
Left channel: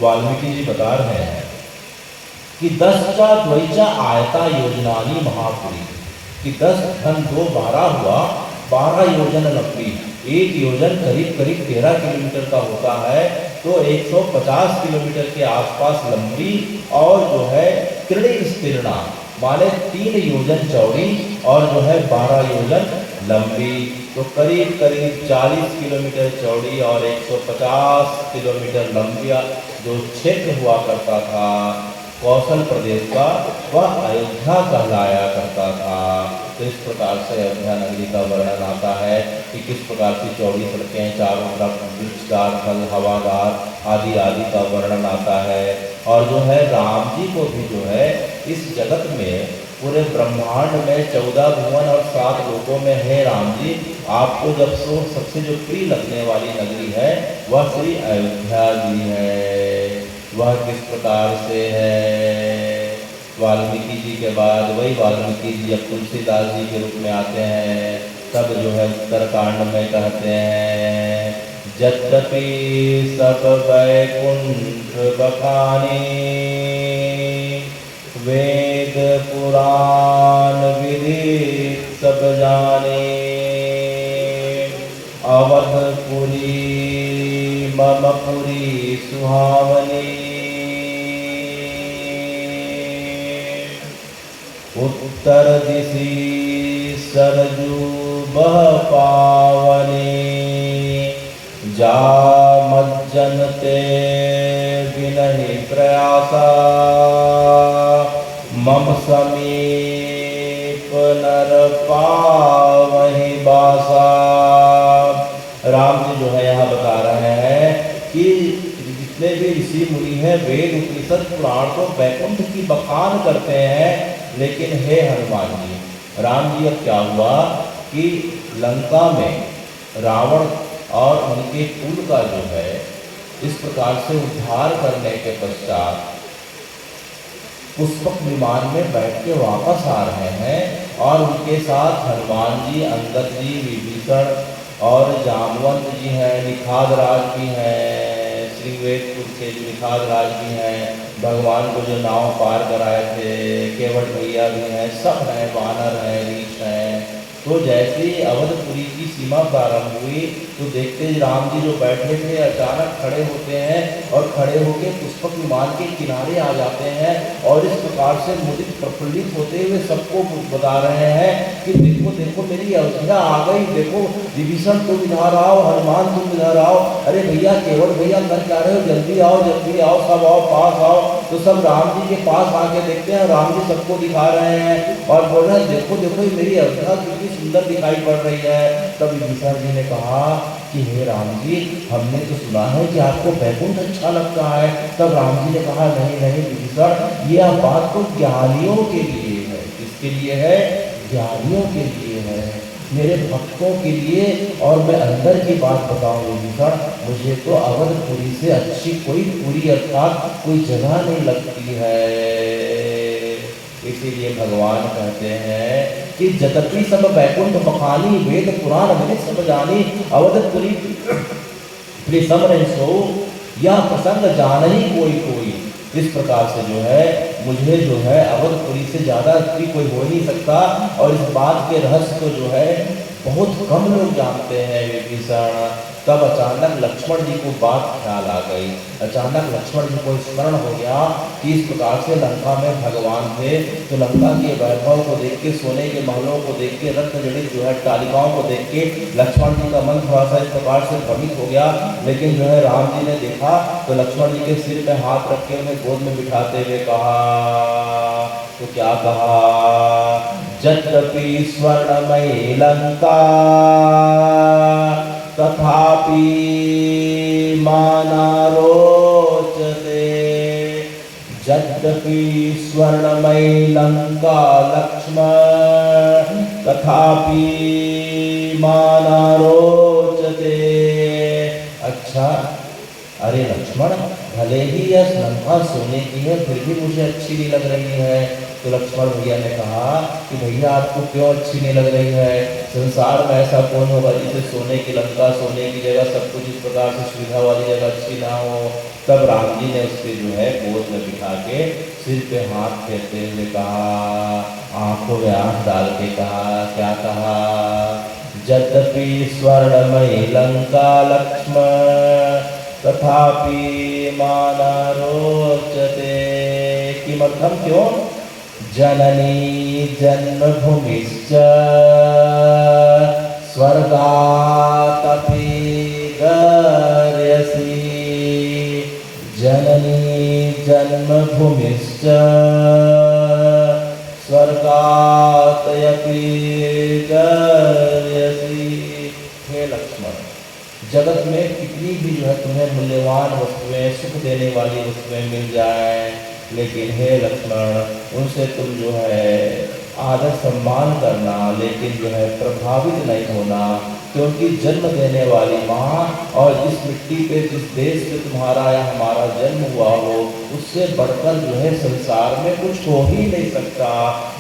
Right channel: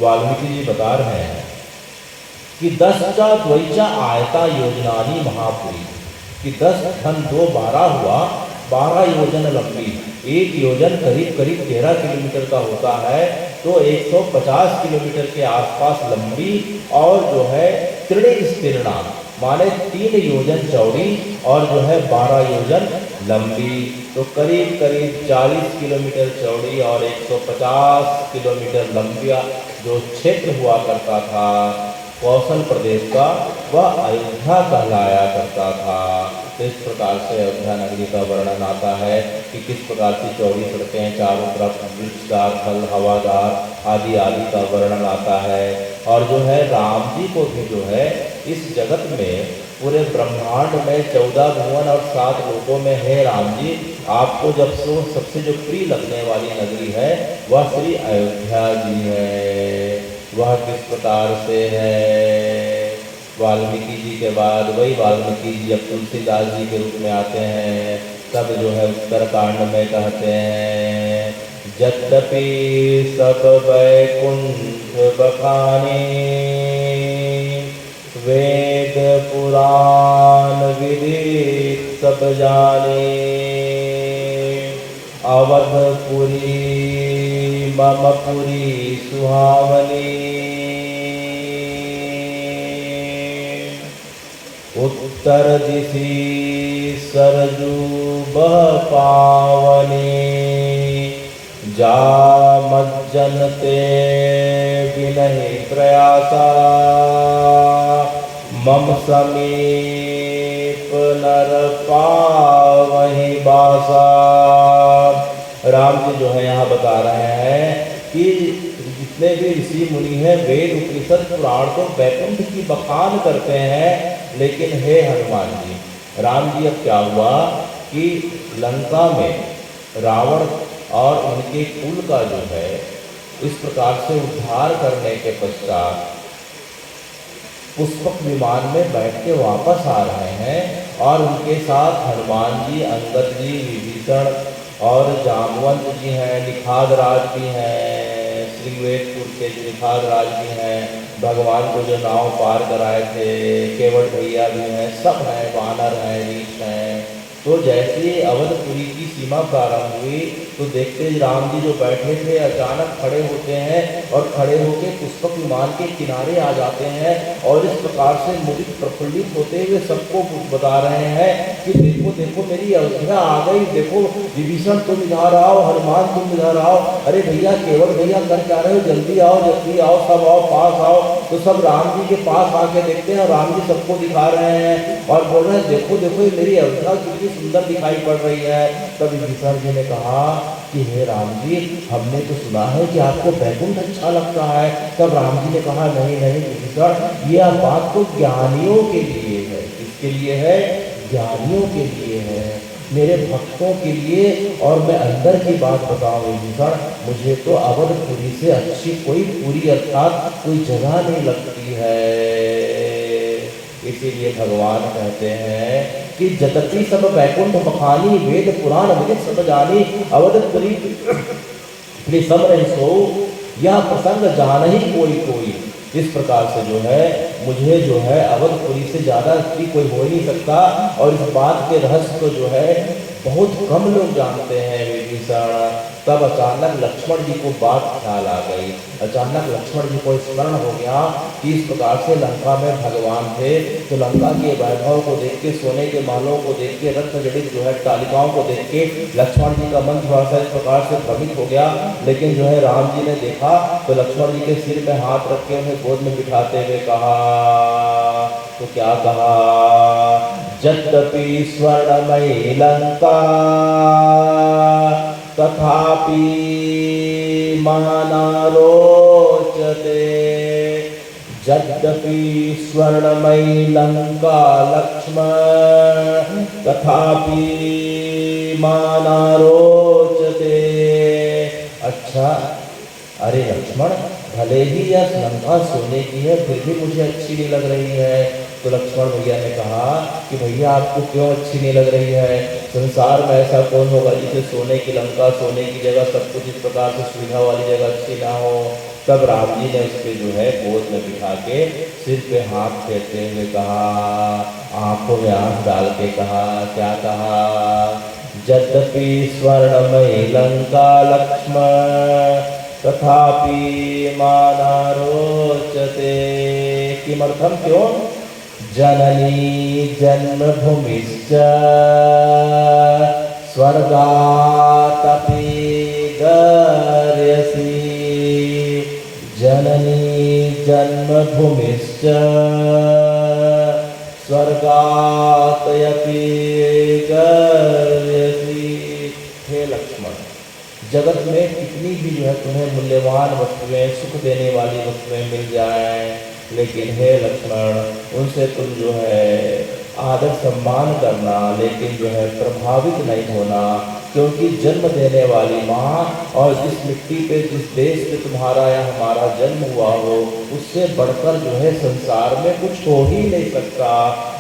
वाल्मीकि जी बता रहे हैं कि 10 द्वैचा आयता योजनानी महापुरी, कि 10 धन 2 12 हुआ, 12 योजन लंबी, एक योजन करीब करीब 13 किलोमीटर का होता है, तो 150 किलोमीटर के आसपास लंबी, और जो है त्रिविस्तीर्णा माने 3 योजन चौड़ी और जो है 12 योजन लंबी, तो करीब करीब 40 किलोमीटर चौड़ी और 150 किलोमीटर लंबी जो क्षेत्र हुआ करता था कौशल प्रदेश का, वह अयोध्या कहलाया करता था। तो इस प्रकार से अयोध्या नगरी का वर्णन आता है कि किस प्रकार की चौड़ी सड़कें हैं, चारों तरफ वृक्षदार फल हवादार आदि आदि का वर्णन आता है। और जो है राम जी को भी जो है इस जगत में पूरे ब्रह्मांड में 14 भुवन और 7 लोकों में है राम जी, आपको जब सबसे जो प्रिय लगने वाली नगरी है वह श्री अयोध्या जी है। वह किस प्रकार से है, वाल्मीकि जी के बाद वही वाल्मीकि जी अब तुलसीदास जी के रूप में आते हैं, तब जो है उत्तरकांड में कहते हैं यद्यपि सब वैकुंठ बखानी, वेद पुराण विदित सब जाने, अवधपुरी मम पुरी सुहावनी, उत्तर दिशि सरजू बह पावनी, जा मज्जनते विनहि प्रयासा, मम समीप नर पावहि बासा। राम जी जो है यहाँ बता रहे हैं कि जितने भी ऋषि मुनि हैं वेद उपनिषद पुराण को वैकुंठ की बखान करते हैं, लेकिन हे हनुमान जी, राम जी अब क्या हुआ कि लंका में रावण और उनके कुल का जो है इस प्रकार से उद्धार करने के पश्चात पुष्पक विमान में बैठ के वापस आ रहे हैं, और उनके साथ हनुमान जी, अंगद जी, विभीषण और जामवंत जी हैं, निखाद राज भी हैं, श्रीवेदपुर के जो निखाद राज भी हैं, भगवान को जो नाव पार कराए थे केवट भैया भी हैं, सब हैं, वानर हैं, रीछ हैं। तो जैसे अवधपुरी की सीमा प्रारंभ हुई तो देखते ही राम जी जो बैठे थे अचानक खड़े होते हैं और खड़े होकर पुष्पक विमान के किनारे आ जाते हैं, और इस प्रकार से मुदित प्रफुल्लित होते हुए सबको बता रहे हैं कि देखो देखो मेरी अयोध्या आ गई, देखो विभीषण तुम इधर आओ, हनुमान तुम इधर आओ, अरे भैया केवल भैया कर क्या रहे हो, जल्दी आओ, सब आओ, पास आओ। तो सब राम जी के पास आके देखते हैं, राम जी सबको दिखा रहे हैं और बोल रहे हैं देखो देखो ये मेरी अयोध्या कितनी सुंदर दिखाई पड़ रही है। तब विभीषण जी ने कहा कि हे राम जी, हमने तो सुना है कि आपको बैकुंठ अच्छा लगता है। तब राम जी ने कहा नहीं नहीं विभीषण, ये बात तो ज्ञानियों के लिए है। किसके लिए है? ज्ञानियों के लिए है, मेरे भक्तों के लिए। और मैं अंदर की बात बताऊं विभीषण, मुझे तो अवधपुरी से अच्छी कोई पुरी अर्थात कोई जगह नहीं लगती है। इसीलिए भगवान कहते हैं कि जतपि सब बैकुंठ बखानी, वेद पुराण विदित सब जानी, अवधपुरी प्रिय ने सो या प्रसन्न जान ही कोई कोई। इस प्रकार से जो है मुझे जो है अवधपुरी से ज्यादा कोई हो नहीं सकता। और इस बात के रहस्य को जो है बहुत कम लोग जानते हैं विभीषण। तब अचानक लक्ष्मण जी को बात ख्याल आ गई। अचानक लक्ष्मण जी को स्मरण हो गया कि इस प्रकार से लंका में भगवान थे, तो लंका के वैभव को देख के, सोने के महलों को देख के, रत्न जड़ित जो है तालिकाओं को देख के लक्ष्मण जी का मन थोड़ा सा इस प्रकार से भ्रमित हो गया। लेकिन जो है राम जी ने देखा तो लक्ष्मण जी के सिर पे हाथ रख के उन्हें गोद में बिठाते हुए कहा, तो क्या कहा? यद्यपि स्वर्णमयी लंका तथापि मानारोचते। यद्यपि स्वर्णमयी लंका लक्ष्मण तथापि मानारोचते। अच्छा, अरे लक्ष्मण, भले ही यह लंका सोने की है फिर भी मुझे अच्छी नहीं लग रही है। तो लक्ष्मण भैया ने कहा कि भैया आपको क्यों अच्छी नहीं लग रही है? संसार में ऐसा कौन होगा जिसे सोने की लंका, सोने की जगह सब कुछ इस प्रकार से सुविधा वाली जगह अच्छी ना हो। तब राम जी ने उसके जो है गोद में बिठा के सिर पे हाथ फेरते हुए कहा, आंखों में आंख डाल के कहा, क्या कहा? यद्यपि स्वर्णमयी लंका लक्ष्मण तथापि मानारोचते। किमर्थम, क्यों? जननी जन्मभूमिश्च स्वर्गादपि गर्यसि। जननी जन्मभूमिश्च स्वर्गादपि गर्यसि। हे लक्ष्मण, जगत में कितनी भी जो है तुम्हें मूल्यवान वस्तुएं, सुख देने वाली वस्तुएं मिल जाए, लेकिन हे लक्ष्मण उनसे तुम जो है आदर सम्मान करना, लेकिन जो है प्रभावित नहीं होना। क्योंकि जन्म देने वाली माँ और जिस मिट्टी पे, जिस देश पे तुम्हारा या हमारा जन्म हुआ हो, उससे बढ़कर जो है संसार में कुछ हो ही नहीं सकता।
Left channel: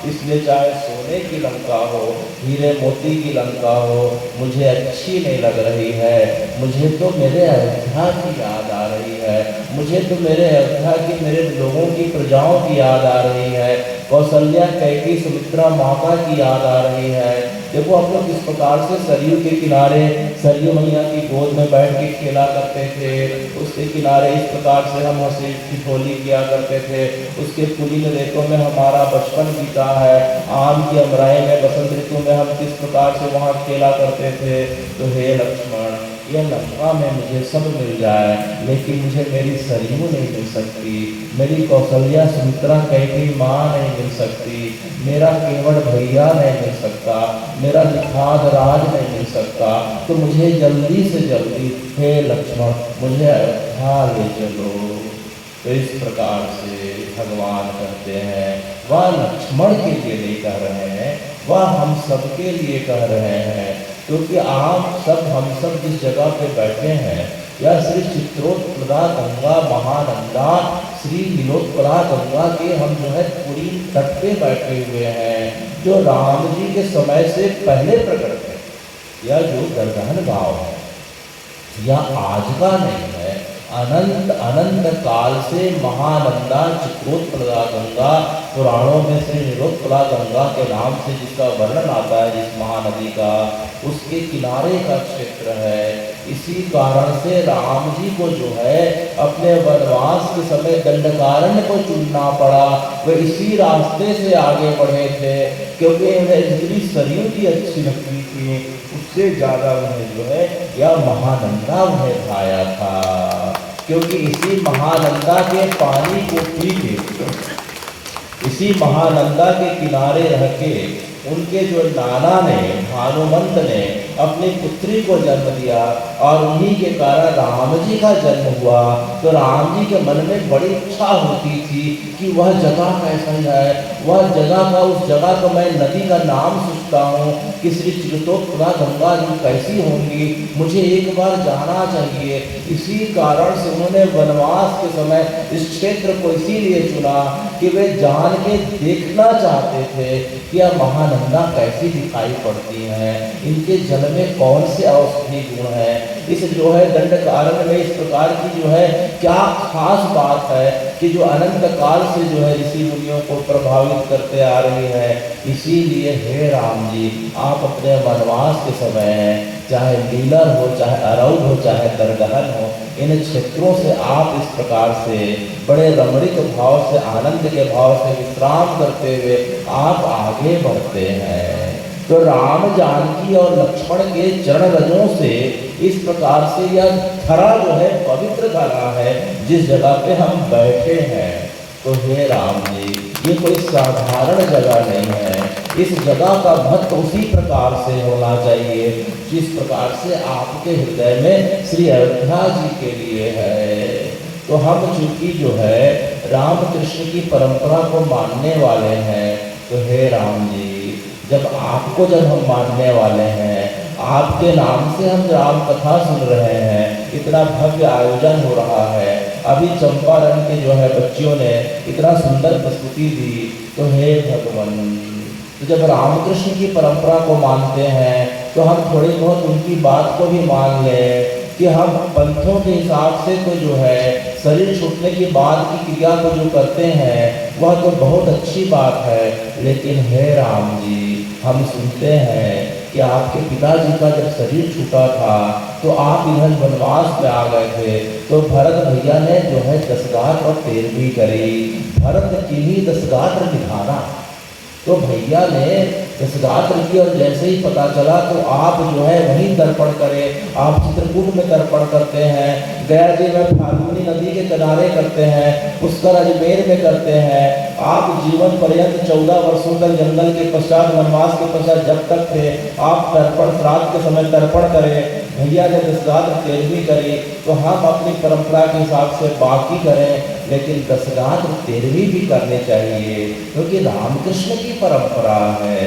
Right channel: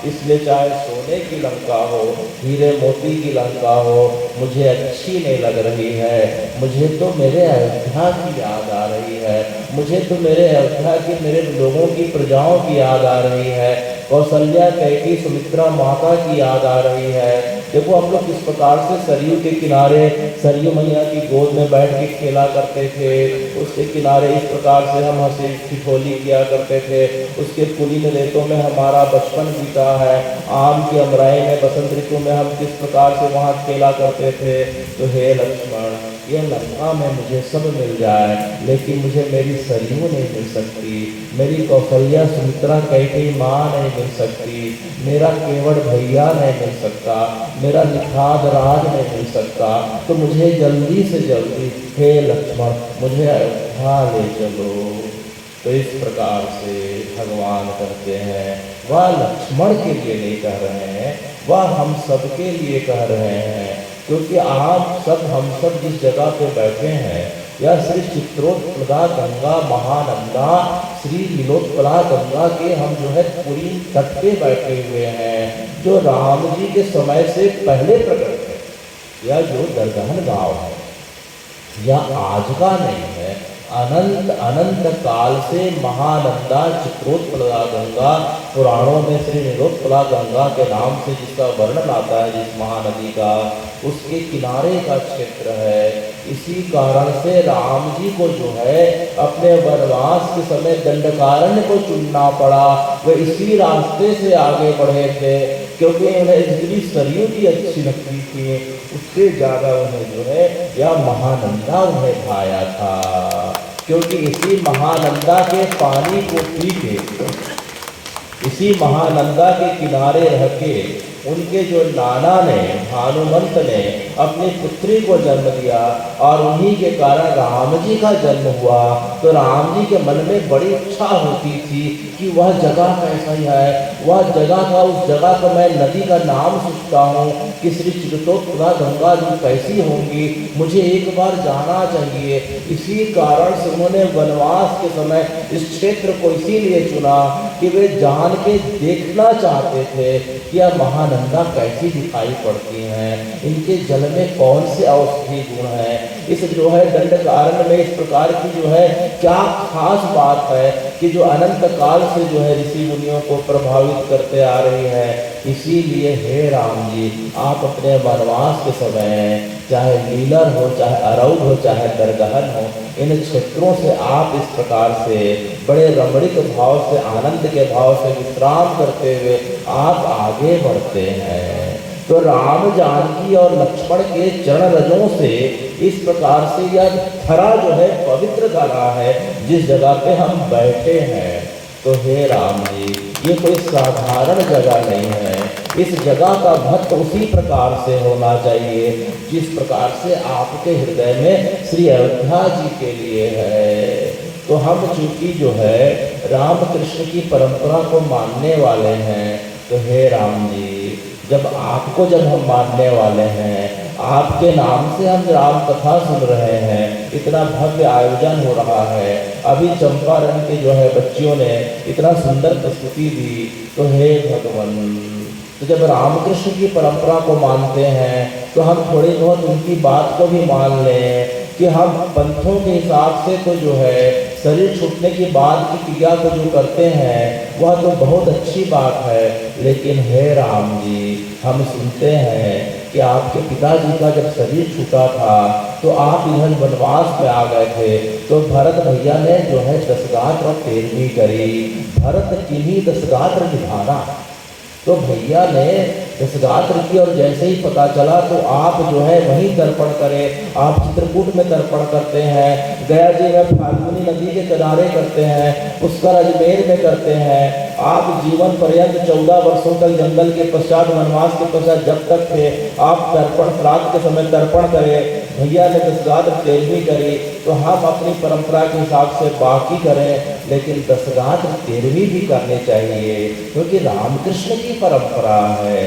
इसलिए चाहे सोने की लंका हो, हीरे मोती की लंका हो, मुझे अच्छी नहीं लग रही है। मुझे तो मेरे अयोध्या की याद आ रही है, मुझे तो मेरे अयोध्या की, मेरे लोगों की, प्रजाओं की याद आ रही है, कौशल्या, कैकेयी, सुमित्रा माता की याद आ रही है। देखो हम लोग किस प्रकार से सरयू के किनारे सरयू मैया की गोद में बैठ के खेला करते थे, उसके किनारे इस प्रकार से हम हंसी ठिठोली किया करते थे। उसके पुलिन रेतों में हमारा बचपन बीता है। आम की अमराई में बसंत ऋतु में हम किस प्रकार से वहाँ खेला करते थे। तो हे लक्ष्मण, यह लंका में मुझे सब मिल जाए, लेकिन मुझे मेरी सरयू नहीं मिल सकती, मेरी कौशल्या, सुमित्रा, कैकेयी माँ नहीं मिल सकती, मेरा केवट भैया नहीं मिल सकता, मेरा निखाद राज नहीं मिल सकता। तो मुझे जल्दी से जल्दी हे लक्ष्मण मुझे अयोध्या ले चलो। तो इस प्रकार से भगवान कहते हैं, वह लक्ष्मण के लिए नहीं कह रहे हैं, वह हम सबके लिए कह रहे हैं। क्योंकि आप सब, हम सब जिस जगह पे बैठे हैं, यह श्री चित्रोत्पला गंगा महानंदा, श्री नीलोत्पला गंगा के हम जो है पूरी तट पे बैठे हुए हैं, जो राम जी के समय से पहले प्रकट है। यह जो दर्दहन गांव है, यह आज का नहीं है, अनंत अनंत काल से महानंदा चित्रोत्पला गंगा, पुराणों में श्री नीलोत्पला गंगा के नाम से जिसका वर्णन आता है, जिस महानदी का, उसके किनारे का क्षेत्र है। इसी कारण से राम जी को जो है अपने वनवास के समय दंडकारण्य को चुनना पड़ा। वे इसी रास्ते से आगे बढ़े थे, क्योंकि उन्हें इतनी सरयू भी अच्छी लगती थी, उससे ज्यादा उन्हें जो है यह महानंदा उन्हें भाया था। क्योंकि इसी महानंदा के पानी को पी के, इसी महानंदा के किनारे रह के उनके जो नाना ने, भानुमंत ने अपनी पुत्री को जन्म दिया और उन्हीं के कारण राम जी का जन्म हुआ। तो राम जी के मन में बड़ी इच्छा होती थी कि वह जगह कैसी है, वह जगह का, उस जगह को मैं नदी का नाम सोचता हूँ कि श्री चिरतोपपुरा गंगा जी कैसी होंगी, मुझे एक बार जाना चाहिए। इसी कारण से उन्होंने वनवास के समय इस क्षेत्र को इसीलिए चुना कि वे जान के देखना चाहते थे कि यह महानंदा कैसी दिखाई पड़ती हैं, इनके जल में कौन से औषधि गुण है, इस जो है दंडकारण्य में इस प्रकार की जो है क्या खास बात है कि जो अनंत काल से जो है ऋषि मुनियों को प्रभावित करते आ रही है। इसीलिए हे राम जी, आप अपने वनवास के समय चाहे लीलर हो, चाहे अरौध हो, चाहे दरगहन हो, इन क्षेत्रों से आप इस प्रकार से बड़े रमणीक भाव से, आनंद के भाव से विश्राम करते हुए आप आगे बढ़ते हैं। तो राम जानकी और लक्ष्मण के चरण रजों से इस प्रकार से यह धरा जो है पवित्र धरा है जिस जगह पे हम बैठे हैं। तो हे राम जी, ये कोई साधारण जगह नहीं है, इस जगह का भक्त उसी प्रकार से होना चाहिए जिस प्रकार से आपके हृदय में श्री अयोध्या जी के लिए है। तो हम चूंकि जो है रामकृष्ण की परंपरा को मानने वाले हैं, तो हे राम जी, जब हम मानने वाले हैं, आपके नाम से हम राम कथा सुन रहे हैं, इतना भव्य आयोजन हो रहा है, अभी चंपारण के जो है बच्चियों ने इतना सुंदर प्रस्तुति दी, तो हे भगवान, तो जब रामकृष्ण की परंपरा को मानते हैं तो हम थोड़ी बहुत उनकी बात को भी मान लें कि हम पंथों के हिसाब से तो जो है शरीर छूटने की बात की क्रिया को जो करते हैं वह तो बहुत अच्छी बात है, लेकिन हे राम जी, हम सुनते हैं कि आपके पिताजी का जब शरीर छूटा था तो आप इधर वनवास में आ गए थे, तो भरत भैया ने जो है दशगात्र पैरवी करी, भरत की ही दशगात्र दिखाना, तो भैया ने दशगात्र की और जैसे ही पता चला तो आप जो है वहीं तर्पण करें। आप चित्रकूट में तर्पण करते हैं, गया जी में फाल्गुनी नदी के किनारे करते हैं, पुष्कर अजमेर में करते हैं। आप जीवन पर्यंत 14 वर्षों तक जंगल के पश्चात, वनवास के पश्चात जब तक थे, आप तर्पण श्राद्ध के समय तर्पण करें। भैया ने दशगात्र पैरवी करी, तो हम अपनी परंपरा के हिसाब से बाकी करें, लेकिन दशगात्र पैरवी भी करनी चाहिए क्योंकि रामकृष्ण की परंपरा है।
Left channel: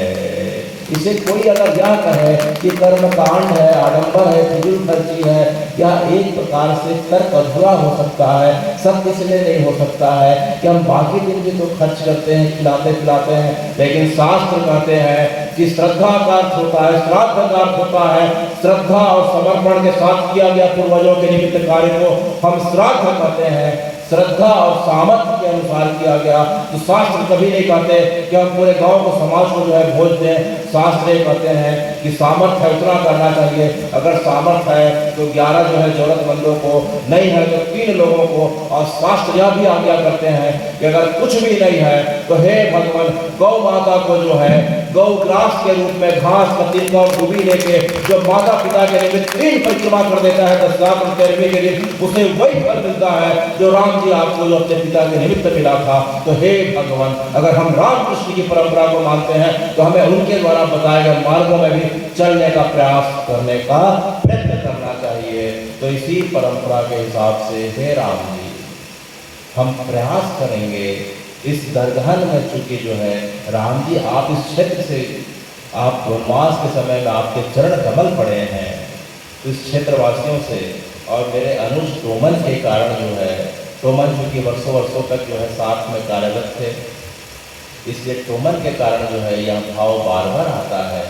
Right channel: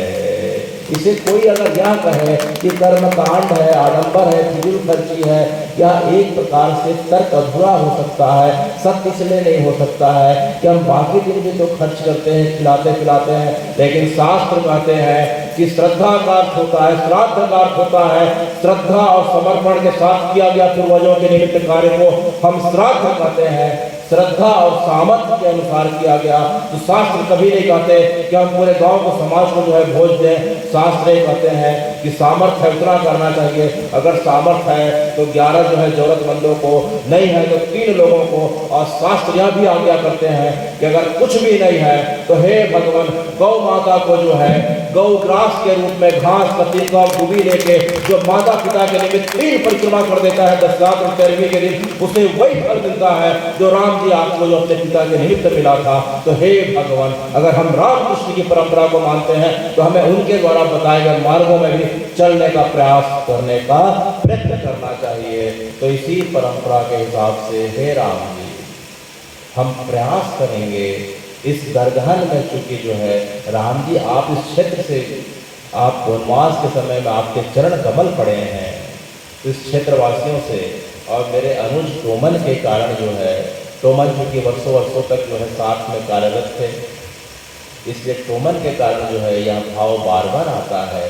इसे कोई अगर यह कहे कि कर्मकांड है, आडंबर है, फिजूल खर्ची है, या एक प्रकार से तर्क अधूरा हो सकता है, सब इसलिए नहीं हो सकता है कि हम बाकी दिन भी तो खर्च करते हैं, खिलाते पिलाते हैं, लेकिन शास्त्र कहते हैं कि श्रद्धा का अर्थ होता है, श्राद्ध का अर्थ होता है, श्रद्धा और समर्पण के साथ किया गया पूर्वजों के निमित्त कार्य को हम श्राद्ध कहते हैं। श्रद्धा और सामर्थ्य के अनुसार किया गया, तो शास्त्र कभी नहीं कहते कि हम पूरे गांव को, समाज को जो है भोज दें। शास्त्र ये कहते हैं कि सामर्थ्य है उतना करना चाहिए, अगर सामर्थ्य है तो 11 जो है जरूरतमंदों को, नहीं है तो 3 लोगों को। और शास्त्र यह भी आज्ञा करते हैं कि अगर कुछ भी नहीं है तो हे भगवान, गौ माता को जो है गौग्रास के रूप में घास पत्ती को डूबी लेके जो माता पिता के निमित्त 3 परिक्रमा कर देता है दशगात्र पैरवी के दिन, उसे वही फल मिलता है जो राम जी आपको जो अपने पिता के निमित्त मिला था। तो हे भगवान, अगर हम रामकृष्ण की परंपरा को मानते हैं तो हमें उनके द्वारा बताए गए मार्गों में भी चलने का प्रयास करने का प्रयत्न करना चाहिए। तो इसी परंपरा के हिसाब से हे राम जी, हम प्रयास करेंगे इस दरगहन में, चूंकि जो है राम जी आप इस क्षेत्र से, आप वनवास के समय में आपके चरण कमल पड़े हैं, इस क्षेत्रवासियों से और मेरे अनुज टोमन के कारण जो है, टोमन क्योंकि वर्षों तक जो है साथ में कार्यरत थे, इसलिए टोमन के कारण जो है यह भाव बार बार आता है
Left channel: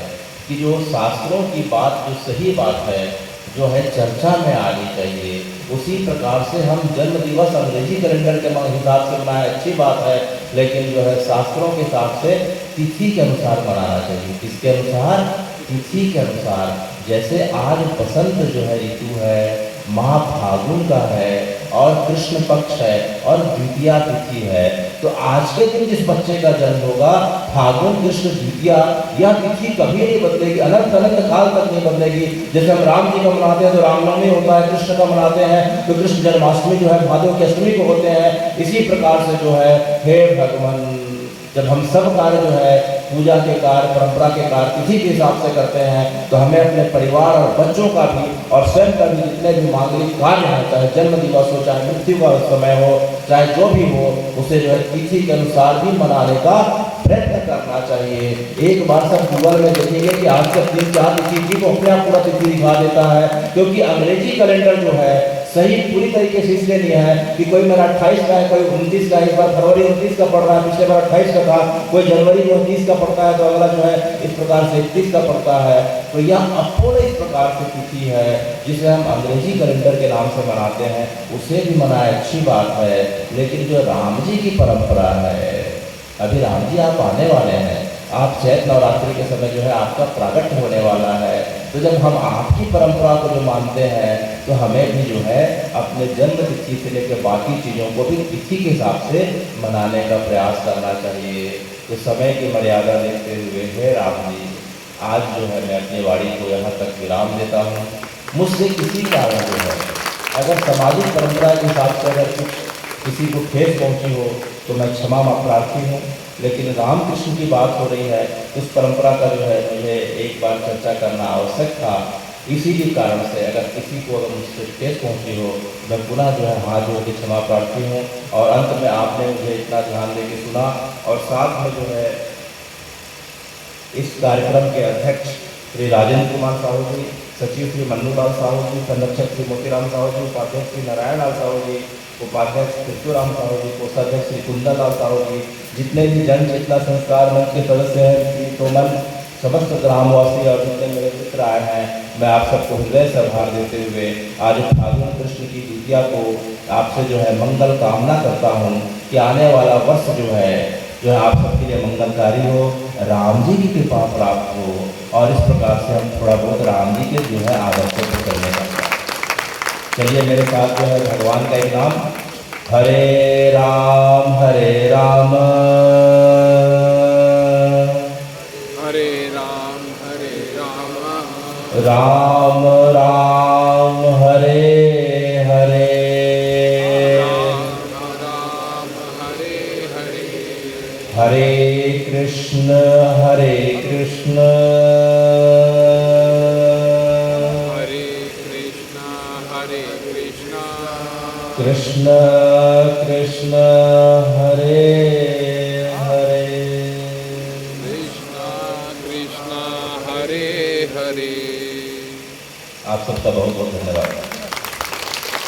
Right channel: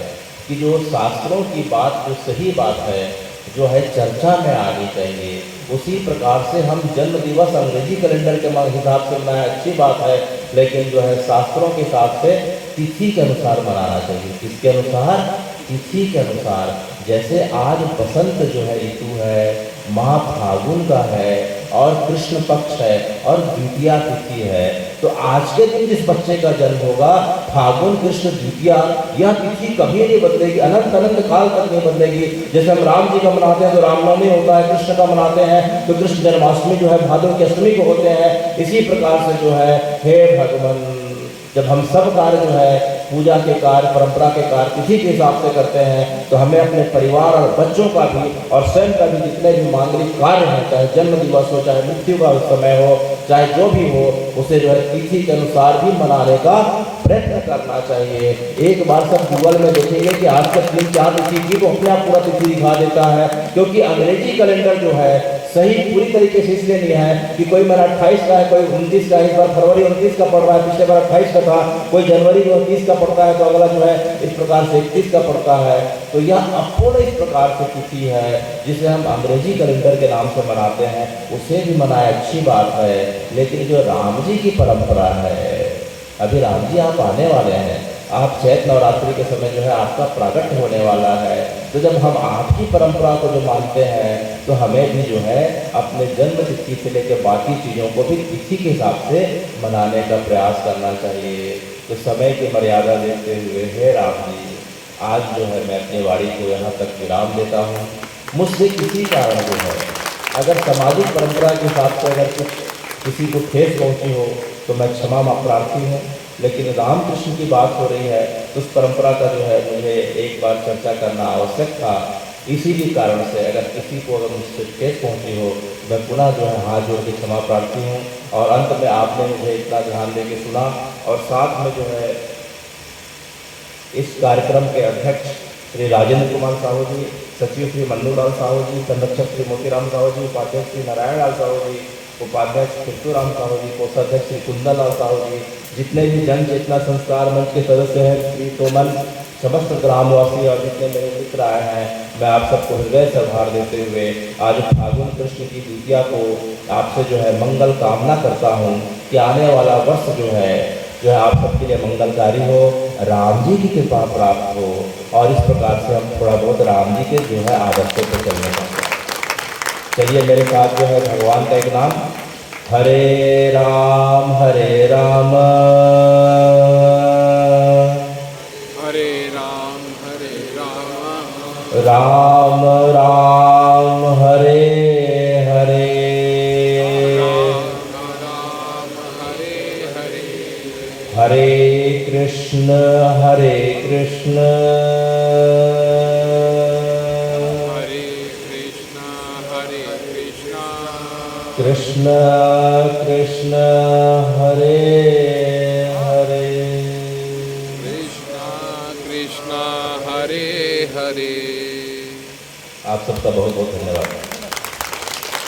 कि जो शास्त्रों की बात, जो सही बात है, जो है चर्चा में आनी चाहिए। उसी प्रकार से हम जन्म दिवस अंग्रेजी कैलेंडर के हिसाब से मनाए, अच्छी बात है, लेकिन जो है शास्त्रों के हिसाब से तिथि के अनुसार मनाना चाहिए। किसके अनुसार? तिथि के अनुसार। जैसे आज बसंत जो है ऋतु है, माह फागुन का है और कृष्ण पक्ष है और द्वितीया तिथि है, तो आज के दिन जिस बच्चे का जन्म होगा, फागुन कृष्ण द्वितीया, यह तिथि कभी नहीं बदलेगी, अनंत अनंत काल तक नहीं बदलेगी। जैसे हम राम जी को मनाते हैं तो रामनवमी होता है, कृष्ण का का मनाते हैं तो कृष्ण जन्माष्टमी जो है भादव की अष्टमी को होते हैं। इसी प्रकार से जो है हे भगवान, जब हम सब कार्य जो है पूजा के कार्य, परंपरा के कार्य तिथि के हिसाब से करते हैं तो हमें अपने परिवार और बच्चों का भी और स्वयं का भी जितने भी मांगलिक कार्य हैं, चाहे जन्म दिवस हो, चाहे मृत्यु का समय हो, चाहे जो भी हो, उसे जो है तिथि के अनुसार भी मनाने का प्रयत्न करना चाहिए। एक बार सब गूगल में देखेंगे कि आज तक 3-4 तिथि की तो अपने आप पूरा तिथि दिखा देता है, क्योंकि अंग्रेजी कैलेंडर जो है सही पूरी तरीके से इसलिए नहीं है कि कोई मेरा 28 का है, कोई 29 का है, इस बार फरवरी 29 का पड़ रहा है, पिछले बार 28 का था, कोई जनवरी 29 का पड़ता है तो अगला जो है इस प्रकार से 31 का पड़ता है। तो यह अपूर्ण इस प्रकार से तिथि है जिसे हम अंग्रेजी कैलेंडर के नाम से मनाते हैं, उसे भी मनाए अच्छी बात है। लेकिन जो राम जी की परंपरा है, अभी राम जी आप आने वाले हैं, आप चैत्र नवरात्रि के समय जो है आपका प्राकट होने वाला है। तो जब हम आपकी परंपरा को जो मानते हैं तो हमें भी जो है अपने जन्म तिथि से लेकर बाकी चीज़ों को भी तिथि के हिसाब से मनाने का प्रयास करना चाहिए। तो समय की मर्यादा देखते हुए हे राम जी, आज जो है मैं अपनी वाणी को यहाँ तक विराम देता हूँ। मुझसे किसी कारण जो है अगर सामाजिक परंपरा के हिसाब से अगर कुछ किसी को ठेस पहुँची हो तो मैं क्षमा प्रार्थी हूँ, लेकिन रामकृष्ण की बात हो रही है तो उस परंपरा का जो है मुझे एक बार चर्चा करना आवश्यक था। इसीलिए कारण से अगर किसी को मुझसे ठेस पहुँची हो, मैं पुनः जो है हाथ जोड़ के क्षमा प्रार्थी हूँ। और अंत में आपने मुझे इतना ध्यान दे के सुना और साथ में जो है इस कार्यक्रम के अध्यक्ष श्री राजेंद्र कुमार साहू जी, सचिव श्री मन्नूलाल साहू जी, संरक्षक श्री मोतीराम साहू जी, उपाध्यक्ष श्री नारायण लाल साहू जी, उपाध्यक्ष कृष्णराम साहू जी, कोषाध्यक्ष श्री कुंदन लाल साहू जी, जितने भी जन चेतना संस्कार मंच के सदस्य हैं, श्री तोमल, समस्त ग्रामवासी और जितने मेरे मित्र आए हैं, मैं आप सबको हृदय से आभार देते हुए आज फाल्गुन कृष्ण की द्वितीया को आपसे जो है मंगल कामना करता हूँ कि आने वाला वर्ष जो है आप सबके लिए मंगलकारी हो, राम जी की कृपा प्राप्त हो और इस प्रकार से हम थोड़ा बहुत राम जी के जो है आदर्शों पर चलने का। चलिए मेरे साथ जो है भगवान का एक नाम, हरे राम हरे राम हरे राम राम राम हरे हरे राम राम हरे हरे हरे कृष्ण हरे कृष्ण कृष्ण कृष्ण हरे हरे कृष्ण कृष्ण हरे हरे। आप सबका बहुत बहुत धन्यवाद।